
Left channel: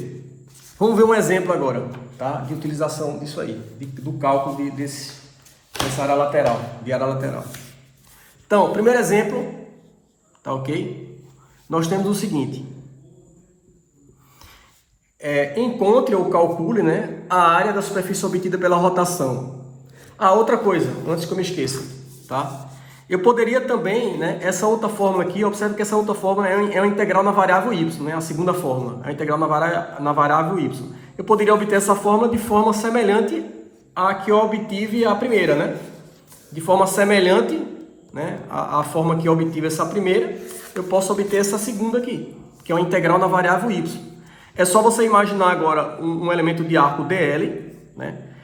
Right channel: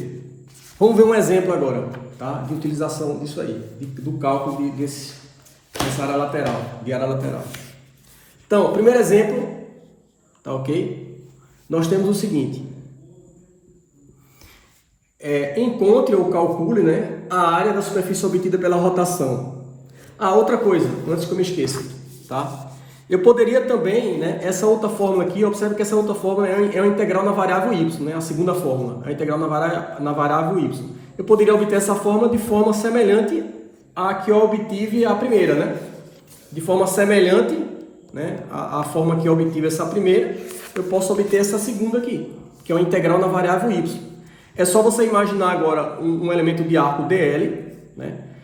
Vamos ver um exemplo agora, tá? De utilização disso aí, do cálculo dessa área lateral, de área lateral. Então, o primeiro exemplo, tá ok? Nós temos o seguinte. Encontre ou calcule, né, a área da superfície obtida pela rotação. Outra coisa, antes que eu me esqueça, tá? Eu poderia também, né, essa outra fórmula aqui, observe que essa outra fórmula é uma integral na variável y, né, a segunda fórmula, a integral na variável y. Eu poderia obter essa fórmula de forma semelhante à que eu obtive a primeira, né? De forma semelhante, né, a forma que eu obtive essa primeira, eu posso obter essa segunda aqui, que é uma integral na variável y. É só você imaginar agora um elemento de arco dl, né?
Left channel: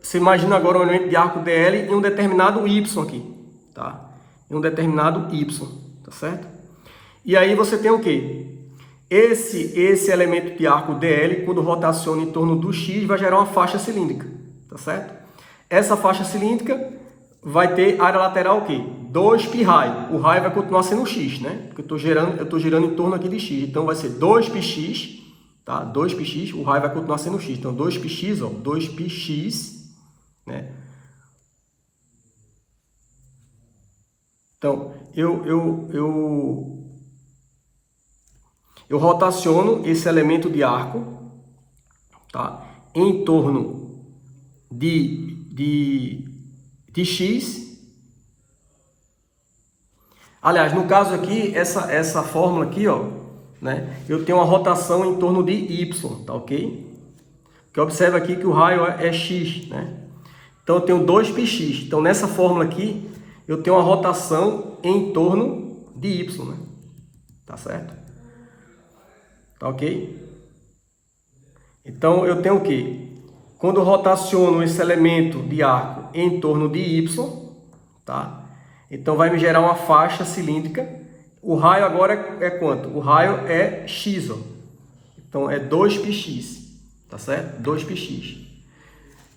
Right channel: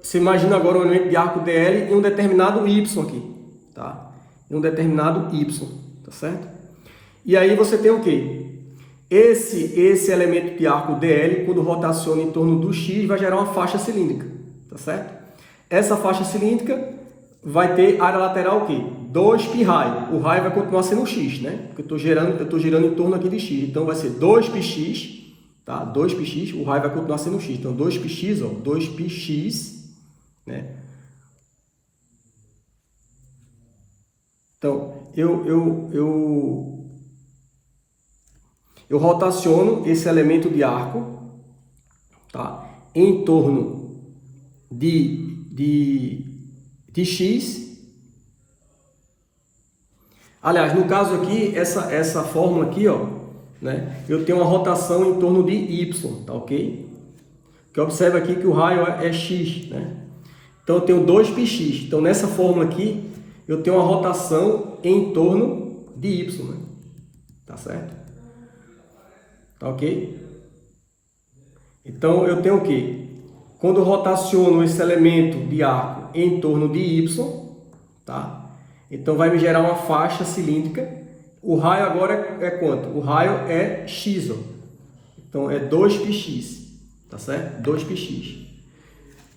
Você imagina agora um elemento de arco dl em um determinado y aqui, tá? Em um determinado y, tá certo? E aí você tem o quê? Esse elemento de arco dl, quando rotaciona em torno do x, vai gerar uma faixa cilíndrica, tá certo? Essa faixa cilíndrica vai ter área lateral o quê? 2π raio. O raio vai continuar sendo x, né? Porque eu estou girando em torno aqui de x. Então, vai ser 2πx, tá? 2πx, o raio vai continuar sendo x. Então, 2πx, ó, 2πx, né? Então, eu rotaciono esse elemento de arco, tá? Em torno de x. Aliás, no caso aqui, essa fórmula aqui, ó, né, eu tenho uma rotação em torno de y, tá ok? Que observa aqui que o raio é x, né? Então eu tenho 2πx. Então nessa fórmula aqui, eu tenho uma rotação em torno de y, né? Tá certo? Tá ok? Então eu tenho o quê? Quando eu rotaciono esse elemento de arco em torno de y, tá? Então vai me gerar uma faixa cilíndrica. O raio agora é quanto? O raio é x, ó. Então é 2πx, tá certo? 2πx.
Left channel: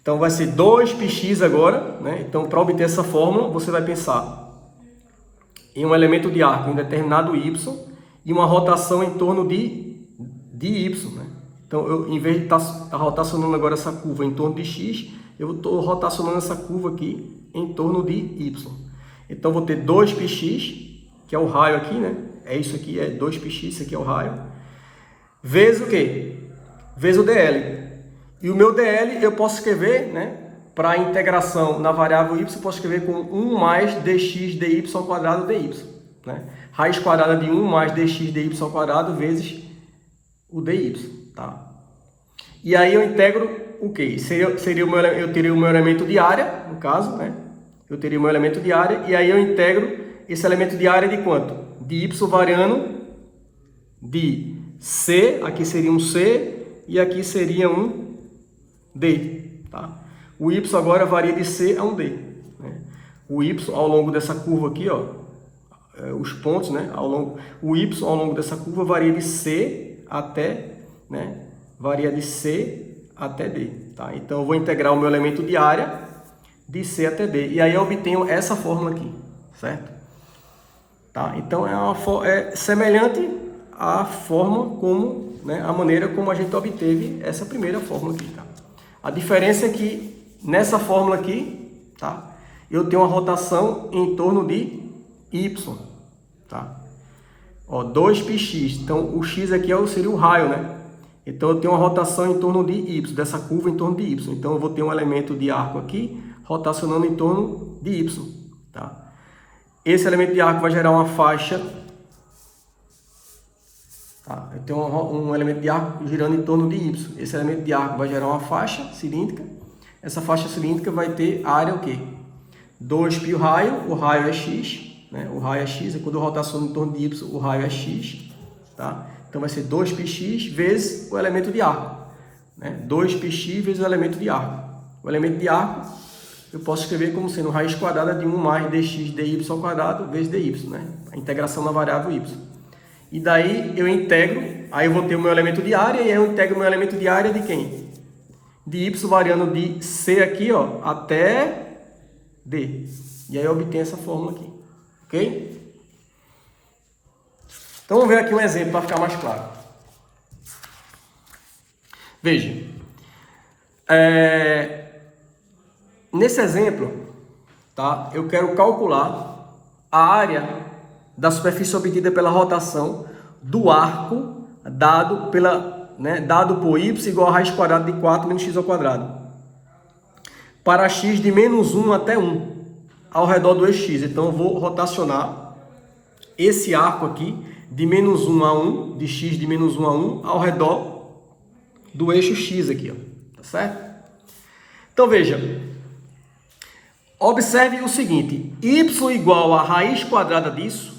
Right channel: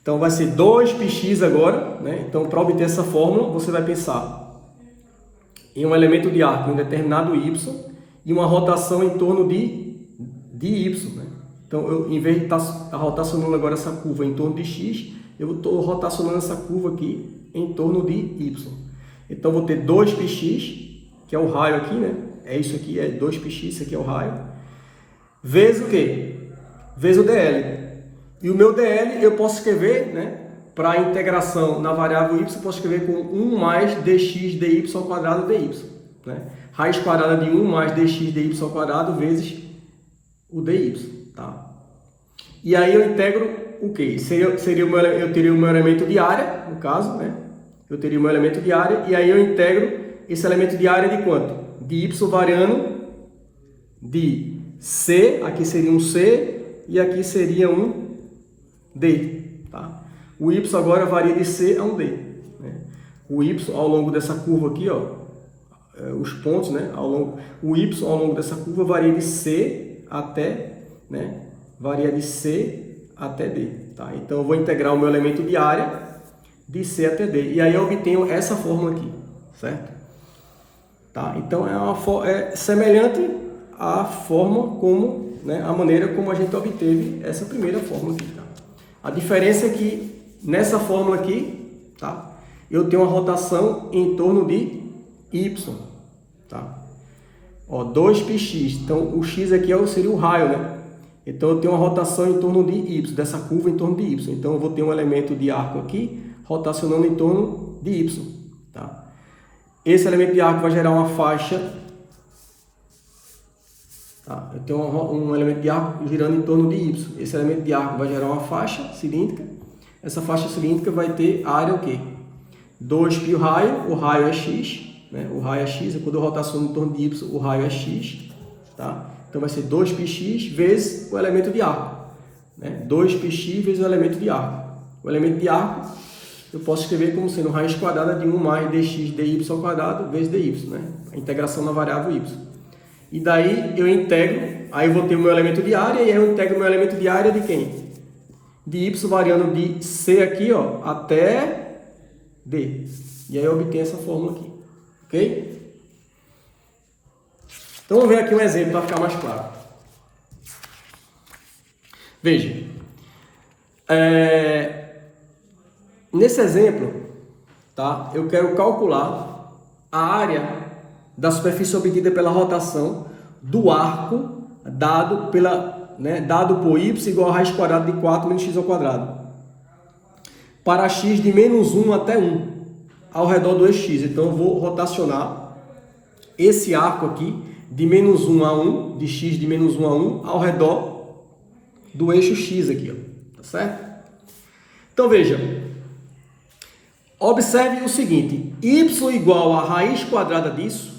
Então vai ser 2πx agora, né? Então para obter essa fórmula, você vai pensar em um elemento de arco em determinado y e uma rotação em torno de y, né? Então, em vez de estar rotacionando agora essa curva em torno de x, eu estou rotacionando essa curva aqui em torno de y. Então, vou ter 2πx, que é o raio aqui, né? É isso aqui, é 2πx, isso aqui é o raio. Vezes o quê? Vezes o dl. E o meu dl eu posso escrever, né? Para a integração na variável y, eu posso escrever com 1 mais dx dy ao quadrado dy. Né? Raiz quadrada de 1 mais dx dy ao quadrado vezes o dy. Tá? E aí eu integro o quê? Eu teria o meu elemento de área, no caso, né? Eu teria o meu elemento de área, e aí eu integro esse elemento de área de quanto? De y variando de c, aqui seria um c, e aqui seria um d. Tá? O y agora varia de c a um d. Né? O y ao longo dessa curva aqui, ó, os pontos, né? O y ao longo dessa curva varia de c até, né? Varia de C até D. Tá? Então, eu vou integrar o meu elemento de área de C até D. E aí eu obtenho essa fórmula aqui, certo? Tá? Então, é semelhante à forma como, né, a maneira como a gente obteve essa primeira fórmula aqui. Tá? A diferença é que, nessa fórmula aqui, tá, eu tenho uma rotação em torno de Y. Tá? Ó, 2πx. Então, o x aqui seria o raio, né? Então, eu tenho uma rotação em torno de y, dessa curva em torno de y. Então, eu vou ter um elemento de arco aqui, rotacionando em torno de y. Tá? Esse elemento de arco vai gerar uma faixa. Tá? Eu tenho um elemento de arco girando em torno de y. Esse elemento de arco vai gerar uma faixa cilíndrica. Essa faixa cilíndrica vai ter área o quê? 2π o raio é x. Né? O raio é x, e quando eu rotaciono em torno de y, o raio é x. Tá? Então, vai ser 2πx vezes o elemento de arco. Né? 2πx vezes o elemento de arco. O elemento de arco, eu posso escrever como sendo raiz quadrada de 1 mais dx dy ao quadrado vezes dy. Né? A integração na variável y. E daí, eu integro, aí eu vou ter o meu elemento de área, e aí eu integro o meu elemento de área de quem? De y variando de c aqui, ó, até d. E aí eu obtenho essa fórmula aqui. Ok? Então, vamos ver aqui um exemplo para ficar mais claro. Veja. Nesse exemplo, tá, eu quero calcular a área da superfície obtida pela rotação do arco dado por y igual a raiz quadrada de 4 menos x ao quadrado. Para x de menos 1 até 1, ao redor do eixo x. Então, eu vou rotacionar esse arco aqui de menos 1 a 1, de x de menos 1 a 1, ao redor do eixo x aqui, ó. Tá certo? Então, veja. Observe o seguinte, y igual a raiz quadrada disso,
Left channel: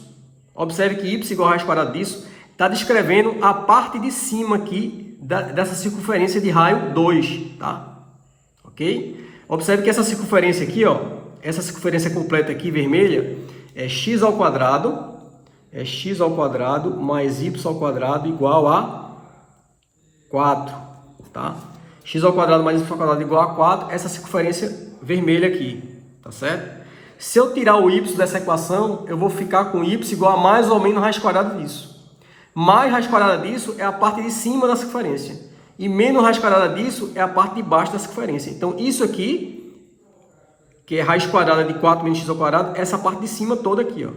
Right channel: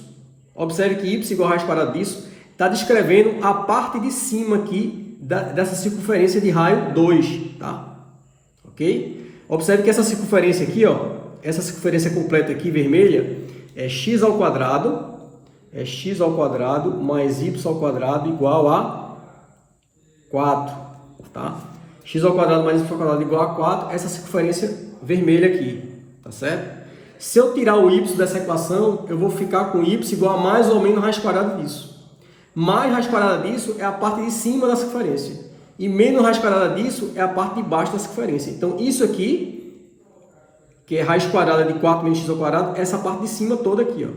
observe que y igual a raiz quadrada disso, está descrevendo a parte de cima aqui dessa circunferência de raio 2, tá? Ok? Observe que essa circunferência aqui, ó, essa circunferência completa aqui, vermelha, é x ao quadrado mais y ao quadrado igual a 4, tá? X ao quadrado mais y ao quadrado igual a 4, essa circunferência vermelha aqui, tá certo? Se eu tirar o y dessa equação, eu vou ficar com y igual a mais ou menos raiz quadrada disso. Mais raiz quadrada disso é a parte de cima da circunferência. E menos raiz quadrada disso é a parte de baixo da circunferência. Então, isso aqui, que é raiz quadrada de 4 menos x ao quadrado, essa parte de cima toda aqui, ó.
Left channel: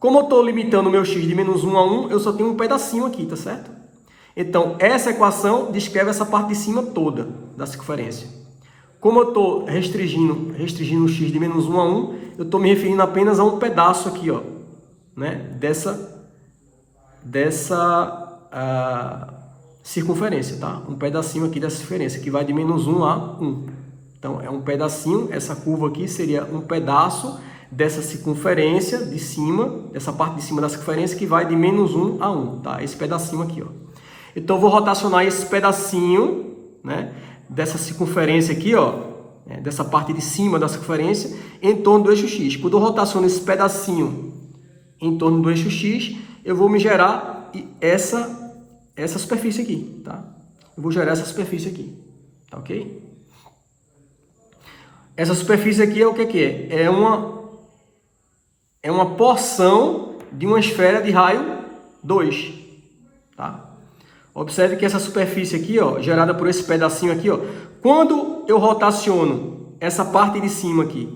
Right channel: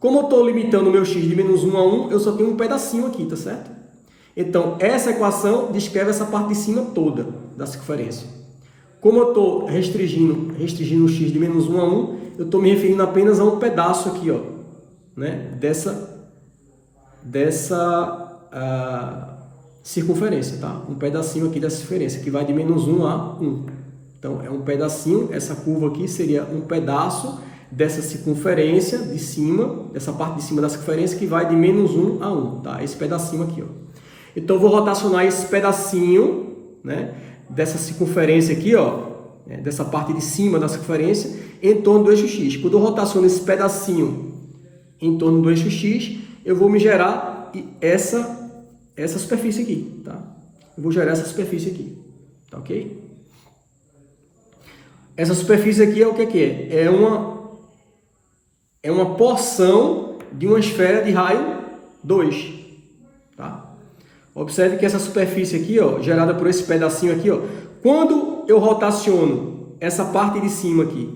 Como eu estou limitando o meu x de menos 1 a 1, eu só tenho um pedacinho aqui, tá certo? Então, essa equação descreve essa parte de cima toda da circunferência. Como eu estou restringindo o x de menos 1 a 1, eu estou me referindo apenas a um pedaço aqui, ó, né, circunferência, tá? Um pedacinho aqui dessa circunferência, que vai de menos 1 a 1. Então, é um pedacinho, essa curva aqui seria um pedaço dessa circunferência de cima, essa parte de cima da circunferência, que vai de menos 1 a 1, tá? Esse pedacinho aqui, ó. Então, eu vou rotacionar esse pedacinho, né, dessa circunferência aqui, ó, dessa parte de cima da circunferência, em torno do eixo X. Quando eu rotaciono esse pedacinho em torno do eixo X, eu vou me gerar essa superfície aqui, tá? Eu vou gerar essa superfície aqui, tá ok? Essa superfície aqui é o que é? É uma porção de uma esfera de raio 2, tá? Observe que essa superfície aqui, ó, gerada por esse pedacinho aqui, ó, quando eu rotaciono essa parte de cima aqui,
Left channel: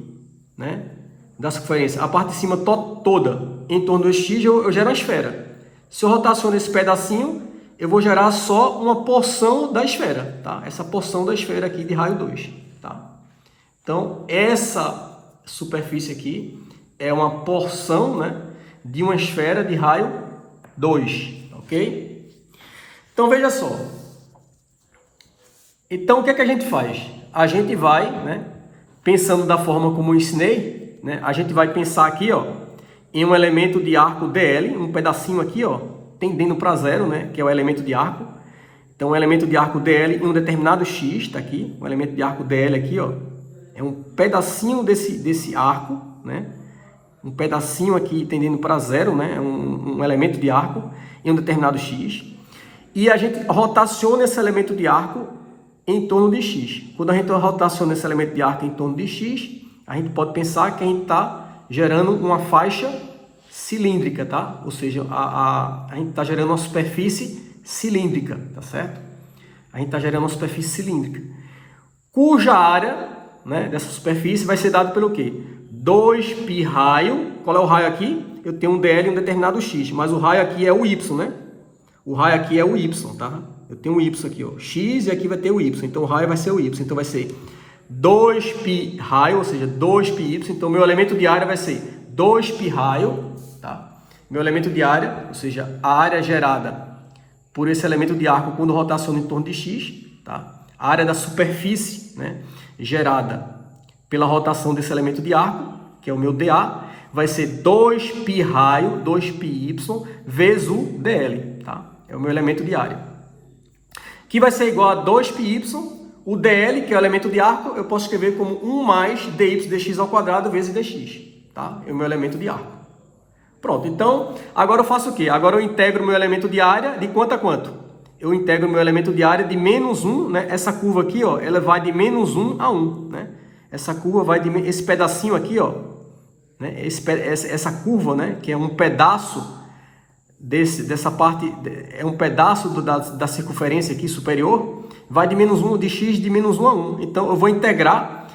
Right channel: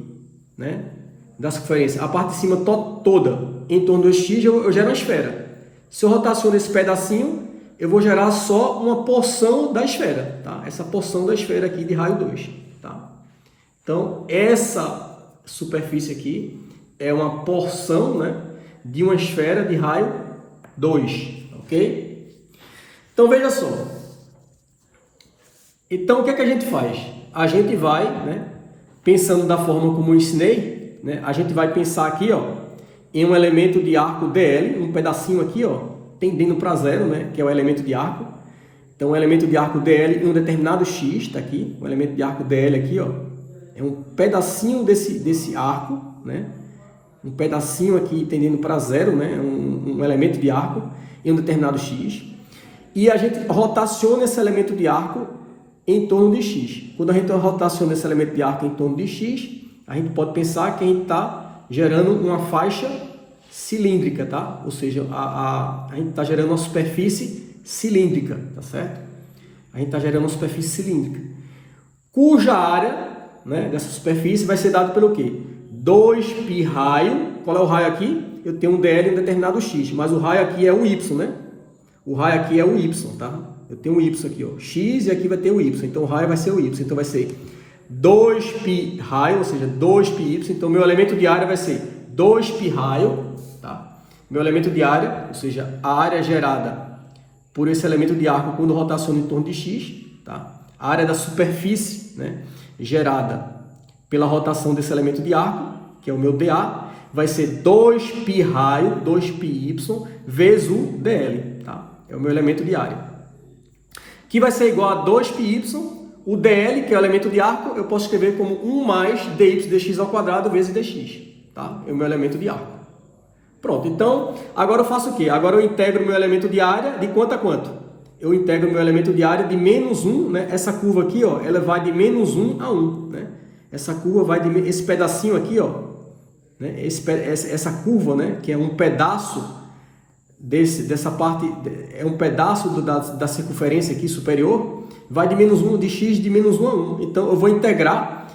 né, da circunferência, a parte de cima toda em torno do X, eu gero a esfera. Se eu rotaciono esse pedacinho, eu vou gerar só uma porção da esfera, tá? Essa porção da esfera aqui de raio 2, tá? Então, essa superfície aqui é uma porção, né, de uma esfera de raio 2, ok? Então, veja só. Então, o que é que a gente faz? A gente vai, né, pensando da forma como eu ensinei, né, a gente vai pensar aqui, ó, em um elemento de arco DL, um pedacinho aqui, ó, tendendo para zero, né, que é o elemento de arco. Então, o elemento de arco DL em um determinado X, está aqui, o elemento de arco DL aqui, ó, é um pedacinho desse arco, né, um pedacinho aqui tendendo para zero, né, um elemento de arco em um determinado X. E a gente rotaciona esse elemento de arco em torno de X. Quando a gente rotaciona esse elemento de arco em torno de X, a gente pode pensar que a gente está gerando uma faixa cilíndrica, tá? Ou seja, a gente está gerando uma superfície cilíndrica, tá certo? A gente está gerando uma superfície cilíndrica, cuja área, né, dessa superfície vai ser dada pelo quê? 2π raio. Qual é o raio aqui? Eu tenho um DL em um determinado X, mas o raio aqui é o Y, né? O raio aqui é o Y, tá? Eu tenho um Y aqui, ó, X, e aqui vai ter o Y. Então, o raio vai ser o Y. Então, vai ser 2π raio, ou seja, 2πy. Então, meu elemento de área vai ser 2π raio, tá? Meu elemento de área, ou seja, a área gerada por esse elemento de arco quando rotaciona em torno de X, tá? A área da superfície, né, gerada pela rotação desse elemento de arco, que é o meu dA, vai ser 2π raio, 2πy, vezes o dl, tá? É o meu elemento de área. Que vai ser igual a 2πy, o dl, que é o elemento de arco, eu posso escrever como 1 mais dy dx ao quadrado vezes dx, tá? É o meu elemento de arco. Pronto, então, agora eu faço o quê? Agora eu integro o meu elemento de área de quanto a quanto? Eu integro o meu elemento de área de menos 1, né? Essa curva aqui, ó, ela vai de menos 1 a 1, né? Essa curva vai de... Esse pedacinho aqui, ó, né? Essa curva, né? Que é um pedaço dessa parte, é um pedaço da circunferência aqui superior, vai de menos 1, de x de menos 1 a 1. Então, eu vou integrar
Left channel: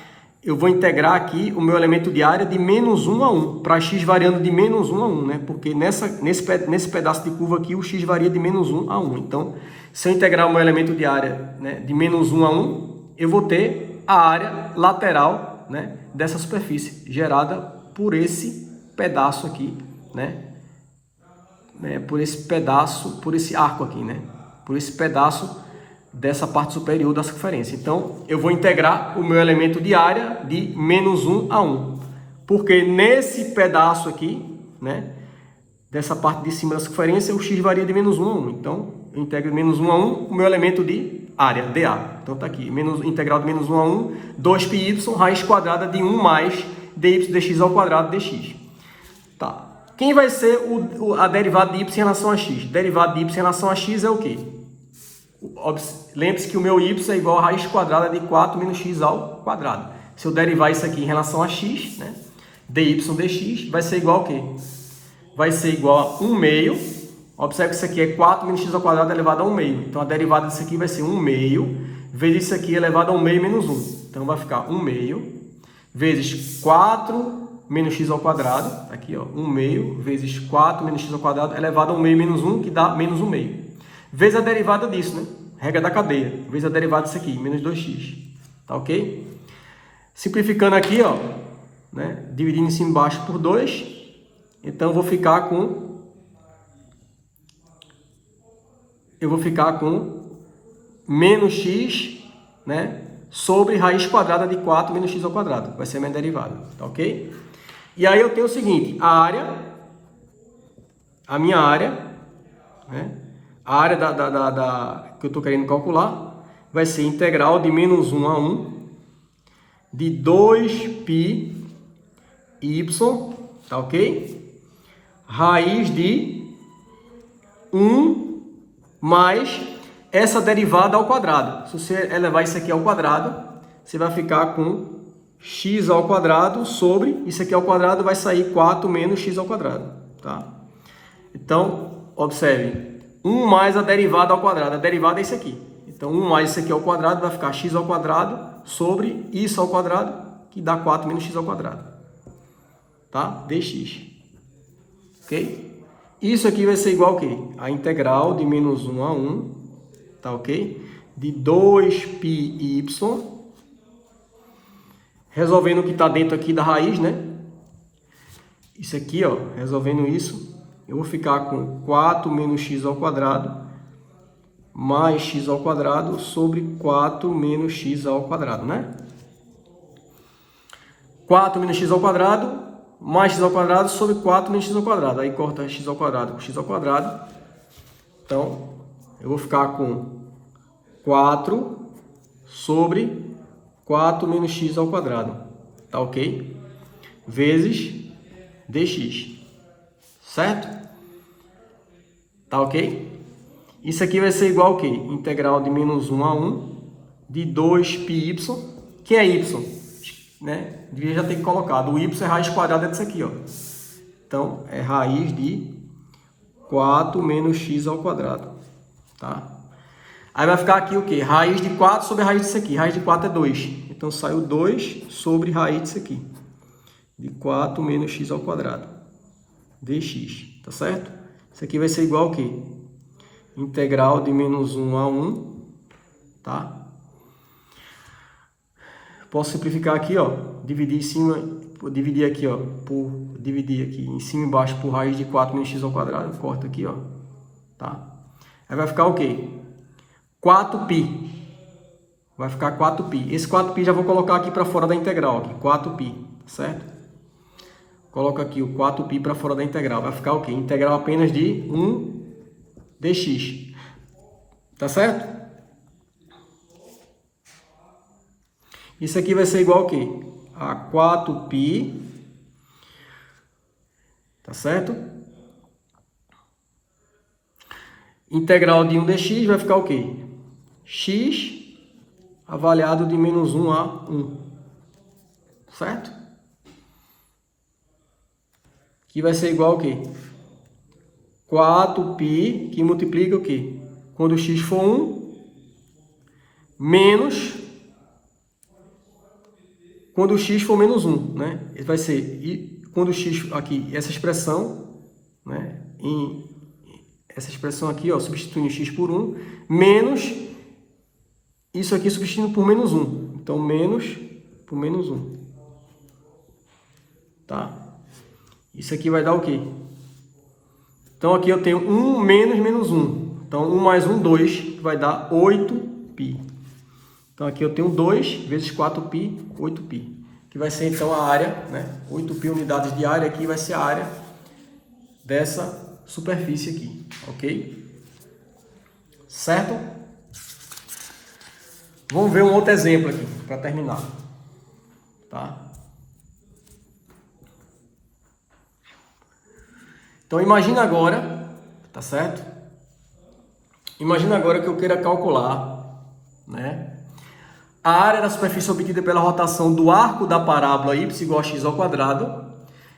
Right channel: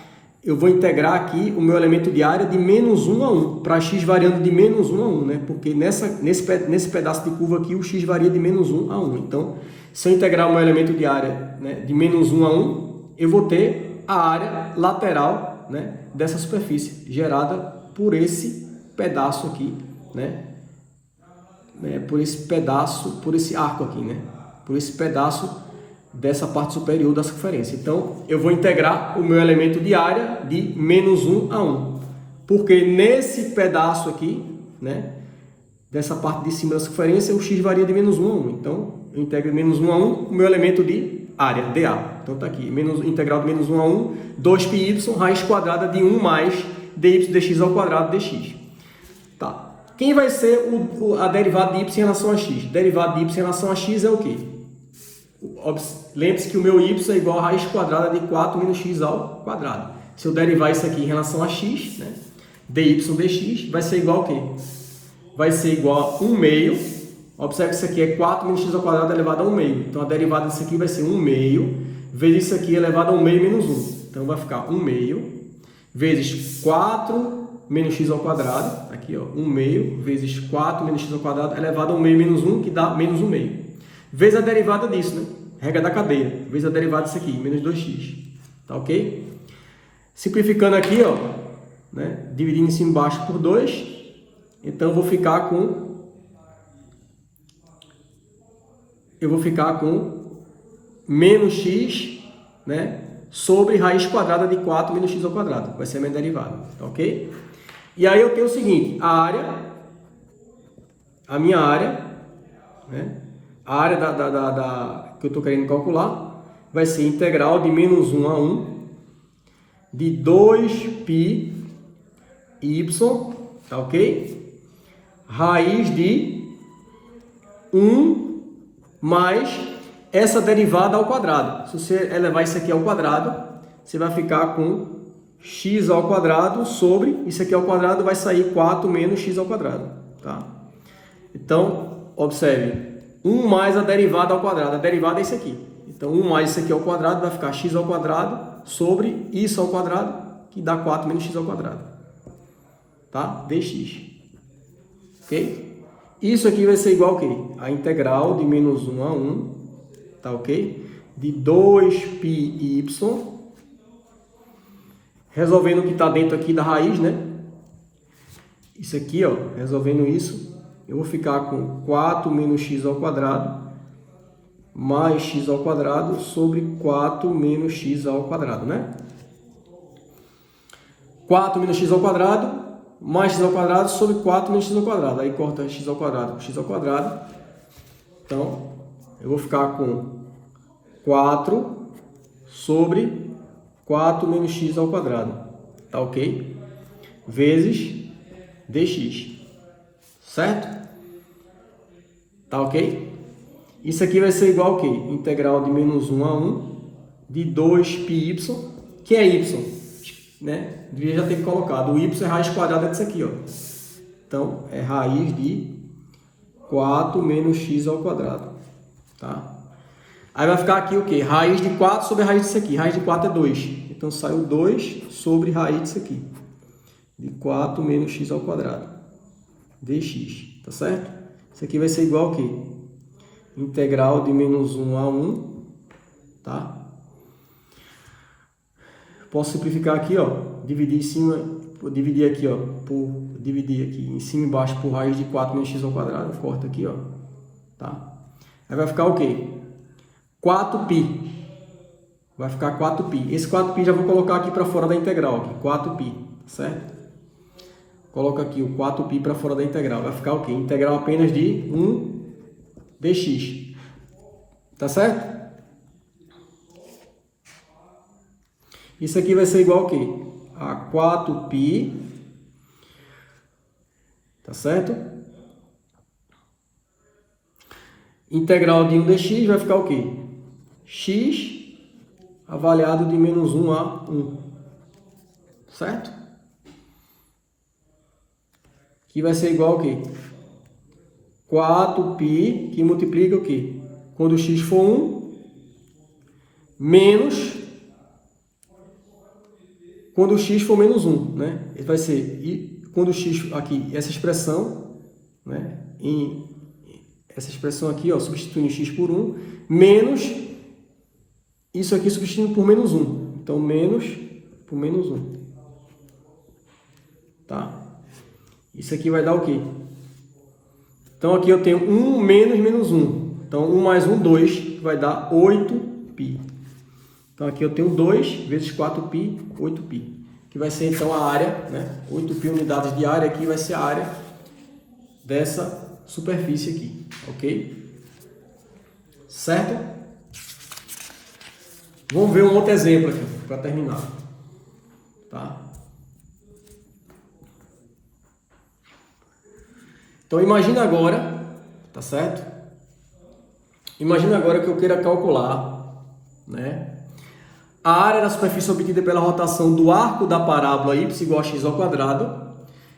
aqui o meu elemento de área de menos 1 a 1, para x variando de menos 1 a 1, né? Porque nesse pedaço de curva aqui, o x varia de menos 1 a 1. Então, se eu integrar o meu elemento de área, né, de menos 1 a 1, eu vou ter a área lateral, né, dessa superfície, gerada por esse pedaço aqui, né? Por esse arco aqui, né? Por esse pedaço dessa parte superior da circunferência. Então, eu vou integrar o meu elemento de área de menos 1 a 1. Porque nesse pedaço aqui, né, dessa parte de cima da circunferência, o x varia de menos 1 a 1. Então, eu integro de menos 1 a 1 o meu elemento de área, dA. Então, está aqui, integral de menos 1 a 1, 2πy, raiz quadrada de 1 mais dy dx ao quadrado dx. Tá. Quem vai ser a derivada de y em relação a x? Derivada de y em relação a x é o quê? Lembre-se que o meu y é igual a raiz quadrada de 4 menos x ao quadrado. Se eu derivar isso aqui em relação a x, né, dy dx, vai ser igual a quê? Vai ser igual a 1 meio. Observe que isso aqui é 4 menos x ao quadrado elevado a 1 meio. Então, a derivada disso aqui vai ser 1 meio vezes isso aqui elevado a 1 meio menos 1. Então, vai ficar 1 meio vezes 4 menos x ao quadrado. Aqui, ó, 1 meio vezes 4 menos x ao quadrado elevado a 1 meio menos 1, que dá menos 1 meio. Vezes a derivada disso, né? Regra da cadeia. Vezes a derivada disso aqui, menos 2x. Tá ok? Simplificando aqui, ó, né? Dividindo em cima e embaixo por 2. Então, eu vou ficar com menos x, né, sobre raiz quadrada de 4 menos x ao quadrado. Vai ser a minha derivada, tá ok? E aí eu tenho o seguinte, a minha área, né, a área que eu estou querendo calcular, vai ser integral de menos 1 a 1 de 2π y, tá ok? Raiz de 1 mais essa derivada ao quadrado. Se você elevar isso aqui ao quadrado, você vai ficar com x ao quadrado sobre, isso aqui ao quadrado vai sair 4 menos x ao quadrado, tá? Então, observe, 1 mais a derivada ao quadrado, a derivada é isso aqui. Então, 1 mais isso aqui ao quadrado vai ficar x ao quadrado sobre isso ao quadrado, que dá 4 menos x ao quadrado, tá? dx, ok? Isso aqui vai ser igual a quê? A integral de menos 1 a 1, tá ok? De 2πy, resolvendo o que está dentro aqui da raiz, né? Isso aqui, ó, resolvendo isso, eu vou ficar com 4 menos x ao quadrado mais x ao quadrado sobre 4 menos x ao quadrado, né? 4 menos x ao quadrado mais x ao quadrado sobre 4 menos x ao quadrado. Aí corta x ao quadrado com x ao quadrado. Então, eu vou ficar com 4 sobre 4 menos x ao quadrado. Tá ok? Vezes dx. Certo? Tá ok? Isso aqui vai ser igual a quê? Integral de menos 1 a 1 de 2πy. Que é y? Né? Devia já ter colocado. O y é raiz quadrada disso aqui, ó. Então, é raiz de 4 menos x ao quadrado. Tá? Aí vai ficar aqui o quê? Raiz de 4 sobre a raiz disso aqui. Raiz de 4 é 2. Então, saiu 2 sobre raiz disso aqui. De 4 menos x ao quadrado. Dx. Tá certo? Isso aqui vai ser igual a quê? Integral de menos 1 a 1. Tá? Posso simplificar aqui, ó. Dividir em cima... Dividir aqui, ó. Dividir aqui em cima e embaixo por raiz de 4 menos x ao quadrado. Corta aqui, ó. Tá? Aí vai ficar o quê? 4π. Vai ficar 4π. Esse 4π já vou colocar aqui para fora da integral. 4π, certo? Coloca aqui o 4π para fora da integral. Vai ficar o quê? Integral apenas de 1 dx. Tá certo? Isso aqui vai ser igual a quê? A 4π. Tá certo? Integral de 1 dx vai ficar o quê? X avaliado de menos 1 a 1. Certo? Que vai ser igual ao quê? 4π, que multiplica o quê? Quando o x for 1, menos quando o x for menos 1, né? Ele vai ser, quando o x aqui, essa expressão, né? Essa expressão aqui, ó, substituindo x por 1, menos isso aqui substituindo por menos 1. Então, menos por menos 1. Tá? Isso aqui vai dar o quê? Então, aqui eu tenho 1 menos menos 1. Então, 1 mais 1, 2, vai dar 8π. Então, aqui eu tenho 2 vezes 4π, 8π. Que vai ser, então, a área, né? 8π unidades de área aqui vai ser a área dessa superfície aqui, ok? Certo? Vamos ver um outro exemplo aqui, para terminar. Tá? Então, imagina agora, tá certo? Imagina agora que eu queira calcular, né, a área da superfície obtida pela rotação do arco da parábola y igual a x ao quadrado,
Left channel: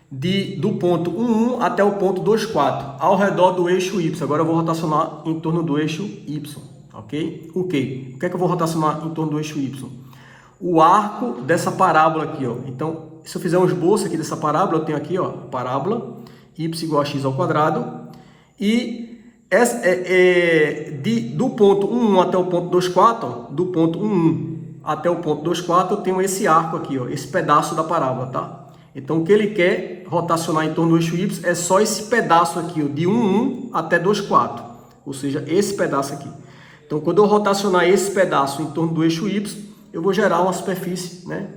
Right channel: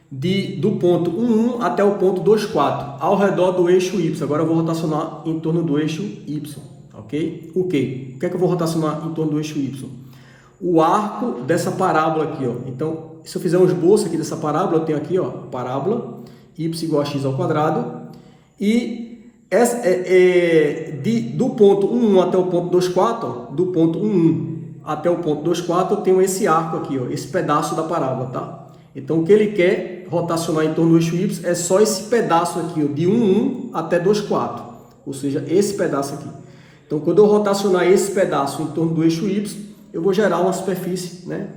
do ponto 1, 1 até o ponto 2, 4, ao redor do eixo y. Agora eu vou rotacionar em torno do eixo y, ok? O que? O que é que eu vou rotacionar em torno do eixo y? O arco dessa parábola aqui, ó. Então, se eu fizer um esboço aqui dessa parábola, eu tenho aqui, ó, a parábola y igual a x ao quadrado, e do ponto 1, 1 até o ponto 2, 4, ó, do ponto 1, 1 até o ponto 2, 4, eu tenho esse arco aqui, ó, esse pedaço da parábola, tá? Então, o que ele quer rotacionar em torno do eixo Y é só esse pedaço aqui, ó, de 1, 1 até 2, 4. Ou seja, esse pedaço aqui. Então, quando eu rotacionar esse pedaço em torno do eixo Y, eu vou gerar uma superfície, né,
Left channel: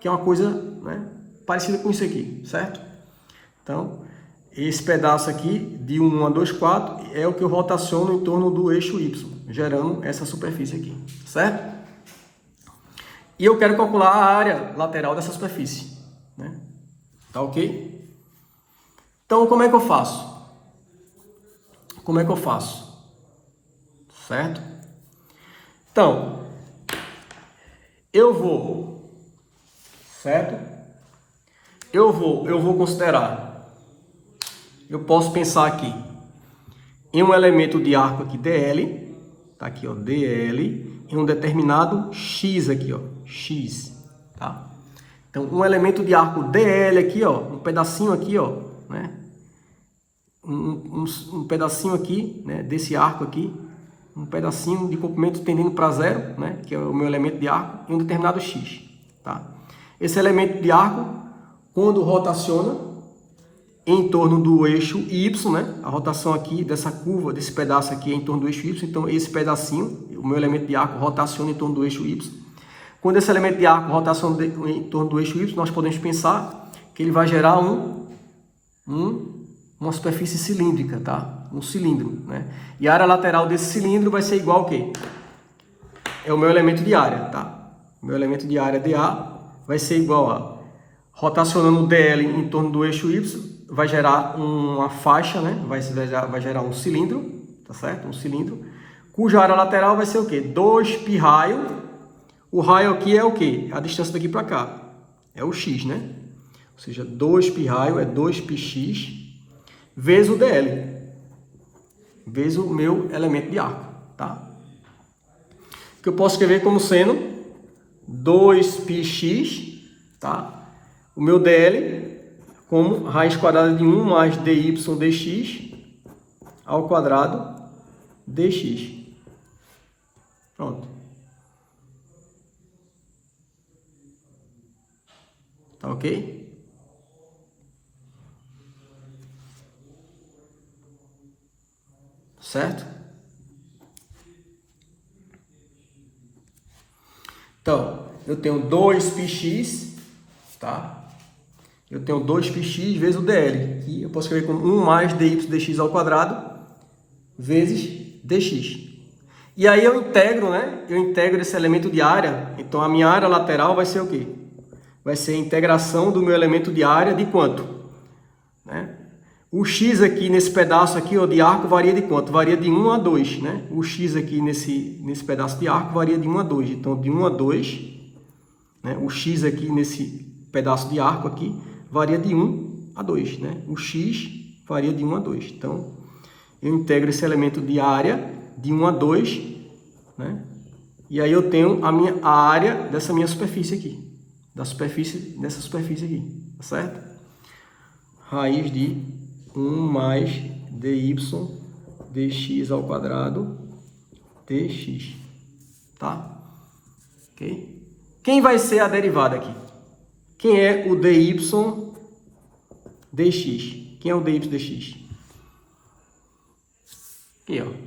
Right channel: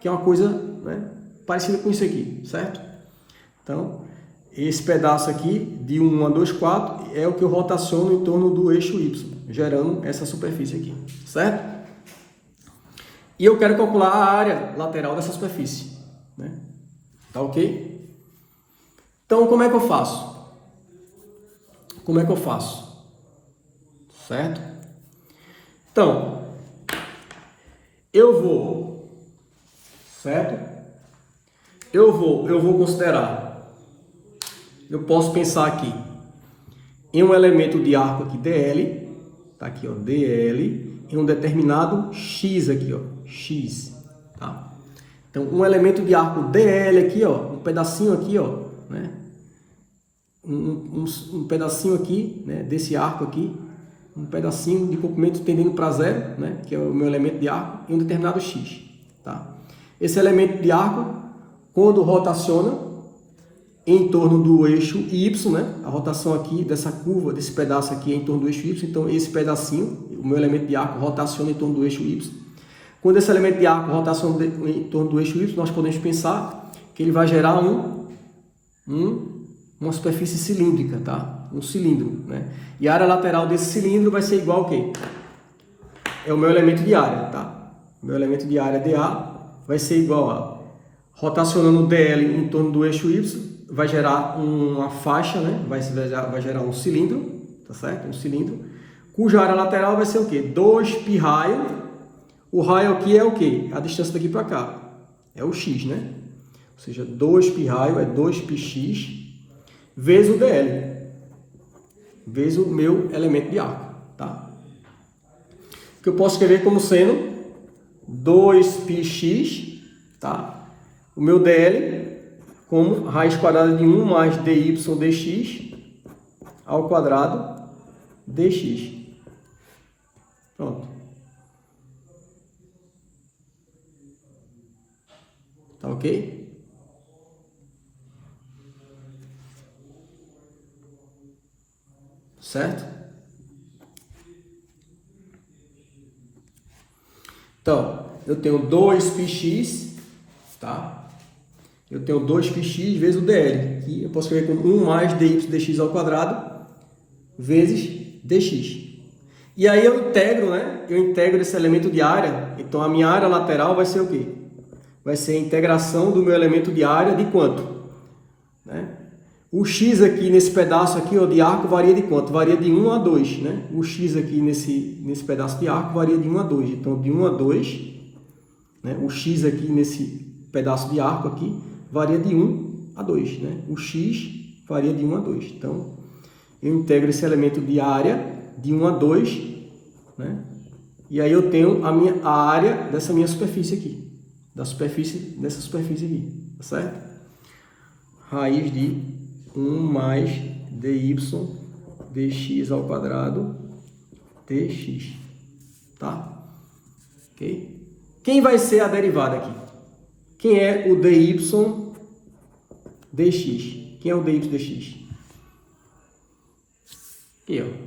que é uma coisa, né, parecida com isso aqui, certo? Então, esse pedaço aqui, de 1 a 2, 4, é o que eu rotaciono em torno do eixo Y, gerando essa superfície aqui, certo? E eu quero calcular a área lateral dessa superfície, né? Tá ok? Então, como é que eu faço? Como é que eu faço? Certo? Então, eu vou, certo? Eu vou considerar, eu posso pensar aqui em um elemento de arco aqui, DL, tá aqui, ó, DL, em um determinado X aqui, ó, X, tá? Então, um elemento de arco DL aqui, ó, um pedacinho aqui, ó, né? Um pedacinho aqui, né, desse arco aqui, um pedacinho de comprimento tendendo para zero, né, que é o meu elemento de arco, em um determinado X, tá? Esse elemento de arco, quando rotaciona em torno do eixo Y, né, a rotação aqui dessa curva, desse pedaço aqui é em torno do eixo Y, então esse pedacinho, o meu elemento de arco rotaciona em torno do eixo Y. Quando esse elemento de arco rotaciona em torno do eixo Y, nós podemos pensar que ele vai gerar uma superfície cilíndrica, tá? Um cilindro, né? E a área lateral desse cilindro vai ser igual ao quê? É o meu elemento de área, tá? O meu elemento de área dA vai ser igual a, rotacionando o DL em torno do eixo Y, vai gerar uma faixa, né? Vai gerar um cilindro, tá certo? Um cilindro, cuja área lateral vai ser o quê? 2π raio. O raio aqui é o quê? A distância daqui para cá. É o x, né? Ou seja, 2π raio é 2πx vezes o DL. Vezes o meu elemento de arco, tá? Que eu posso escrever como sendo 2πx, tá? O meu DL como raiz quadrada de 1 mais dy dx ao quadrado dx. Pronto. Tá ok? Certo? Então, eu tenho 2πx, tá? Eu tenho 2πx vezes o dl, que eu posso escrever como 1 mais dy dx ao quadrado vezes dx. E aí eu integro, né? Eu integro esse elemento de área, então a minha área lateral vai ser o quê? Vai ser a integração do meu elemento de área de quanto? Né? O x aqui nesse pedaço aqui, ó, de arco varia de quanto? Varia de 1 a 2, né? O x aqui nesse pedaço de arco varia de 1 a 2. Então, de 1 a 2, né? O x aqui nesse pedaço de arco aqui varia de 1 a 2, né? O x varia de 1 a 2. Então, eu integro esse elemento de área de 1 a 2, né? E aí eu tenho a área dessa minha superfície aqui. Dessa superfície aqui, tá certo? Raiz de 1 mais dy dx ao quadrado dx, tá? Ok? Quem vai ser a derivada aqui? Quem é o dy dx? Quem é o dy dx? Aqui, ó.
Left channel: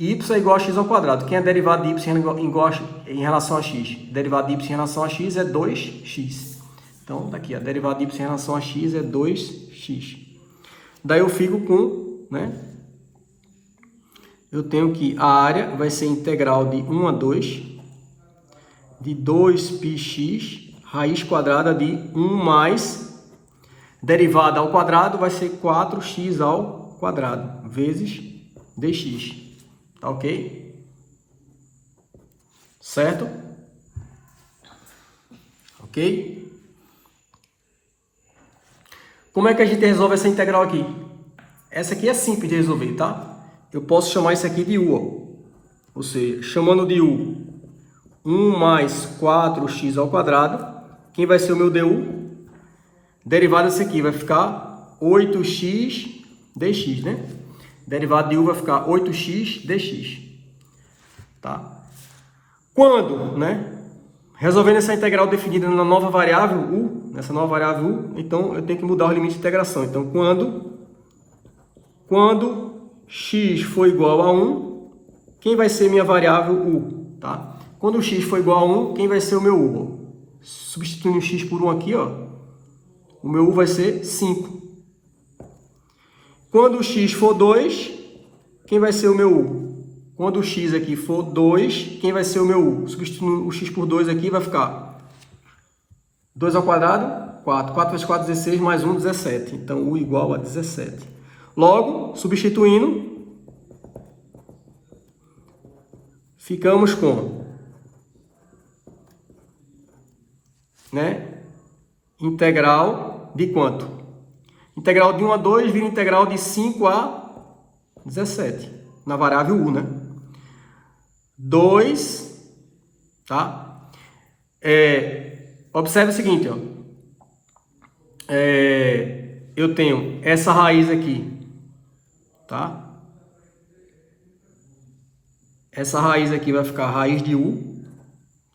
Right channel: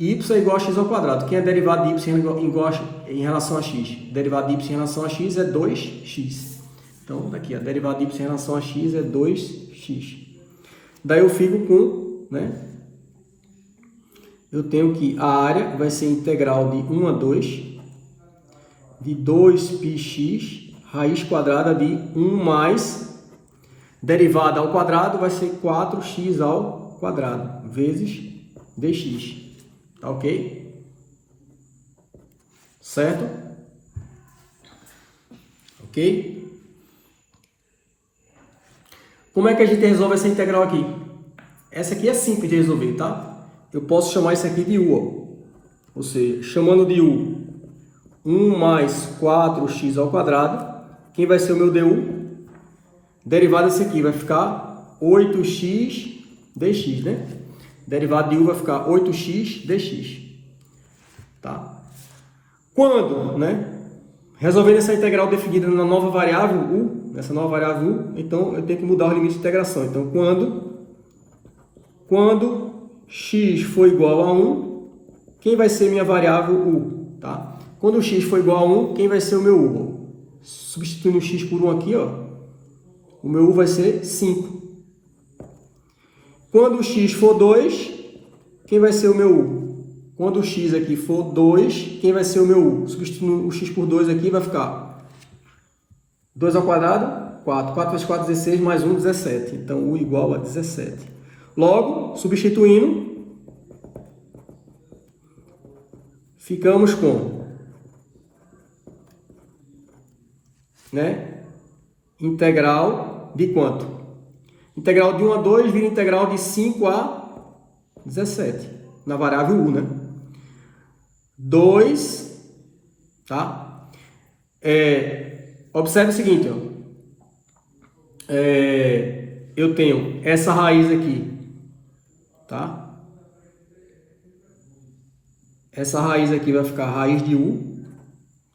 Y é igual a x ao quadrado. Quem é a derivada de y em relação a x? Derivada de y em relação a x é 2x. Então, daqui, a derivada de y em relação a x é 2x. Daí eu fico com, né? Eu tenho que a área vai ser integral de 1 a 2 de 2πx raiz quadrada de 1 mais derivada ao quadrado vai ser 4x ao quadrado vezes dx. Tá ok? Certo? Ok? Como é que a gente resolve essa integral aqui? Essa aqui é simples de resolver, tá? Eu posso chamar isso aqui de u, ó. Ou seja, chamando de u, 1 mais 4x ao quadrado. Quem vai ser o meu du? Derivada disso aqui vai ficar 8x dx, né? Derivada de u vai ficar 8x dx. Tá? Quando, né? Resolvendo essa integral definida na nova variável u, nessa nova variável u, então eu tenho que mudar o limite de integração. Então, quando x for igual a 1, quem vai ser minha variável u? Tá? Quando x for igual a 1, quem vai ser o meu u? Substituindo o x por 1 aqui, ó, o meu u vai ser 5. Quando o x for 2, quem vai ser o meu u? Quando o x aqui for 2, quem vai ser o meu u? Substituindo o x por 2 aqui, vai ficar 2 ao quadrado, 4. 4 vezes 4, 16, mais 1, 17. Então, u igual a 17. Logo, substituindo, ficamos com, né, integral de quanto? Integral de 1 a 2 vira integral de 5 a 17, na variável u, né? 2, tá? Observe o seguinte, ó. Eu tenho essa raiz aqui, tá? Essa raiz aqui vai ficar a raiz de u,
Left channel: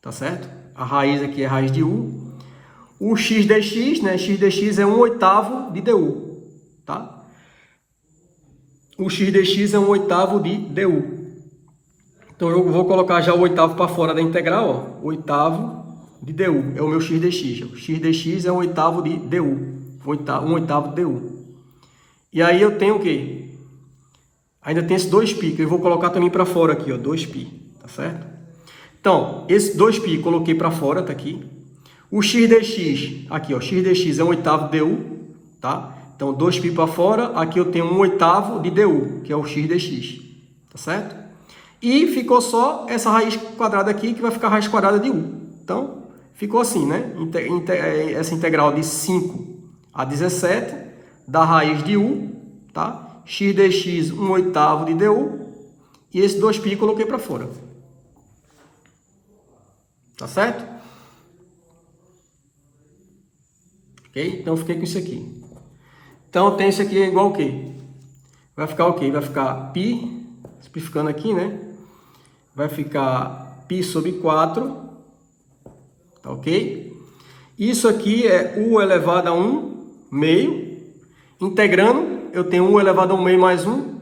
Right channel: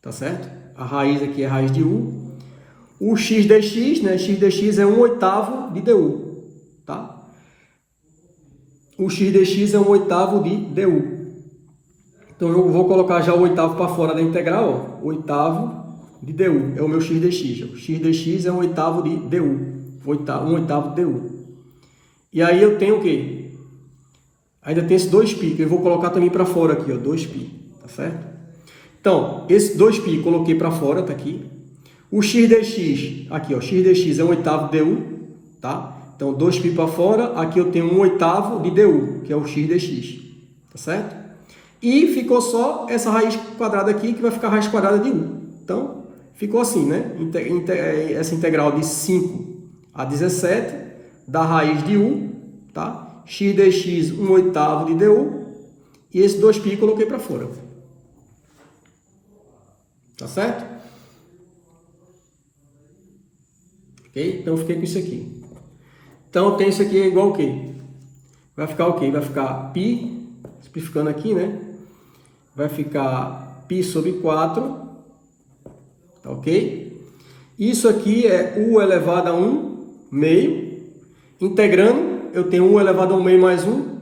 tá certo? A raiz aqui é a raiz de u. O x dx, né? X dx é 1/8 de du, tá? O x dx é 1/8 de du. Então, eu vou colocar já o oitavo para fora da integral, ó. Oitavo de du é o meu x dx. O x dx é 1/8 de du. 1/8 de du. E aí eu tenho o quê? Ainda tem esse 2π, que eu vou colocar também para fora aqui, ó. 2π, tá certo? Então, esse 2π coloquei para fora, tá aqui. O x dx, aqui, ó. X dx é 1/8 de du, tá? Então, 2π para fora. Aqui eu tenho 1/8 de du, que é o x dx, tá certo? E ficou só essa raiz quadrada aqui, que vai ficar a raiz quadrada de u. Então, ficou assim, né? Essa integral de 5 a 17 da raiz de u, tá? X dx 1/8 de du. E esse 2π coloquei para fora. Tá certo? Ok? Então, fiquei com isso aqui. Então, eu tenho isso aqui igual o quê? Vai ficar o quê? Vai ficar π, simplificando aqui, né? Vai ficar π sobre 4, tá ok? Isso aqui é u elevado a 1 meio. Integrando, eu tenho u elevado a 1 meio mais 1,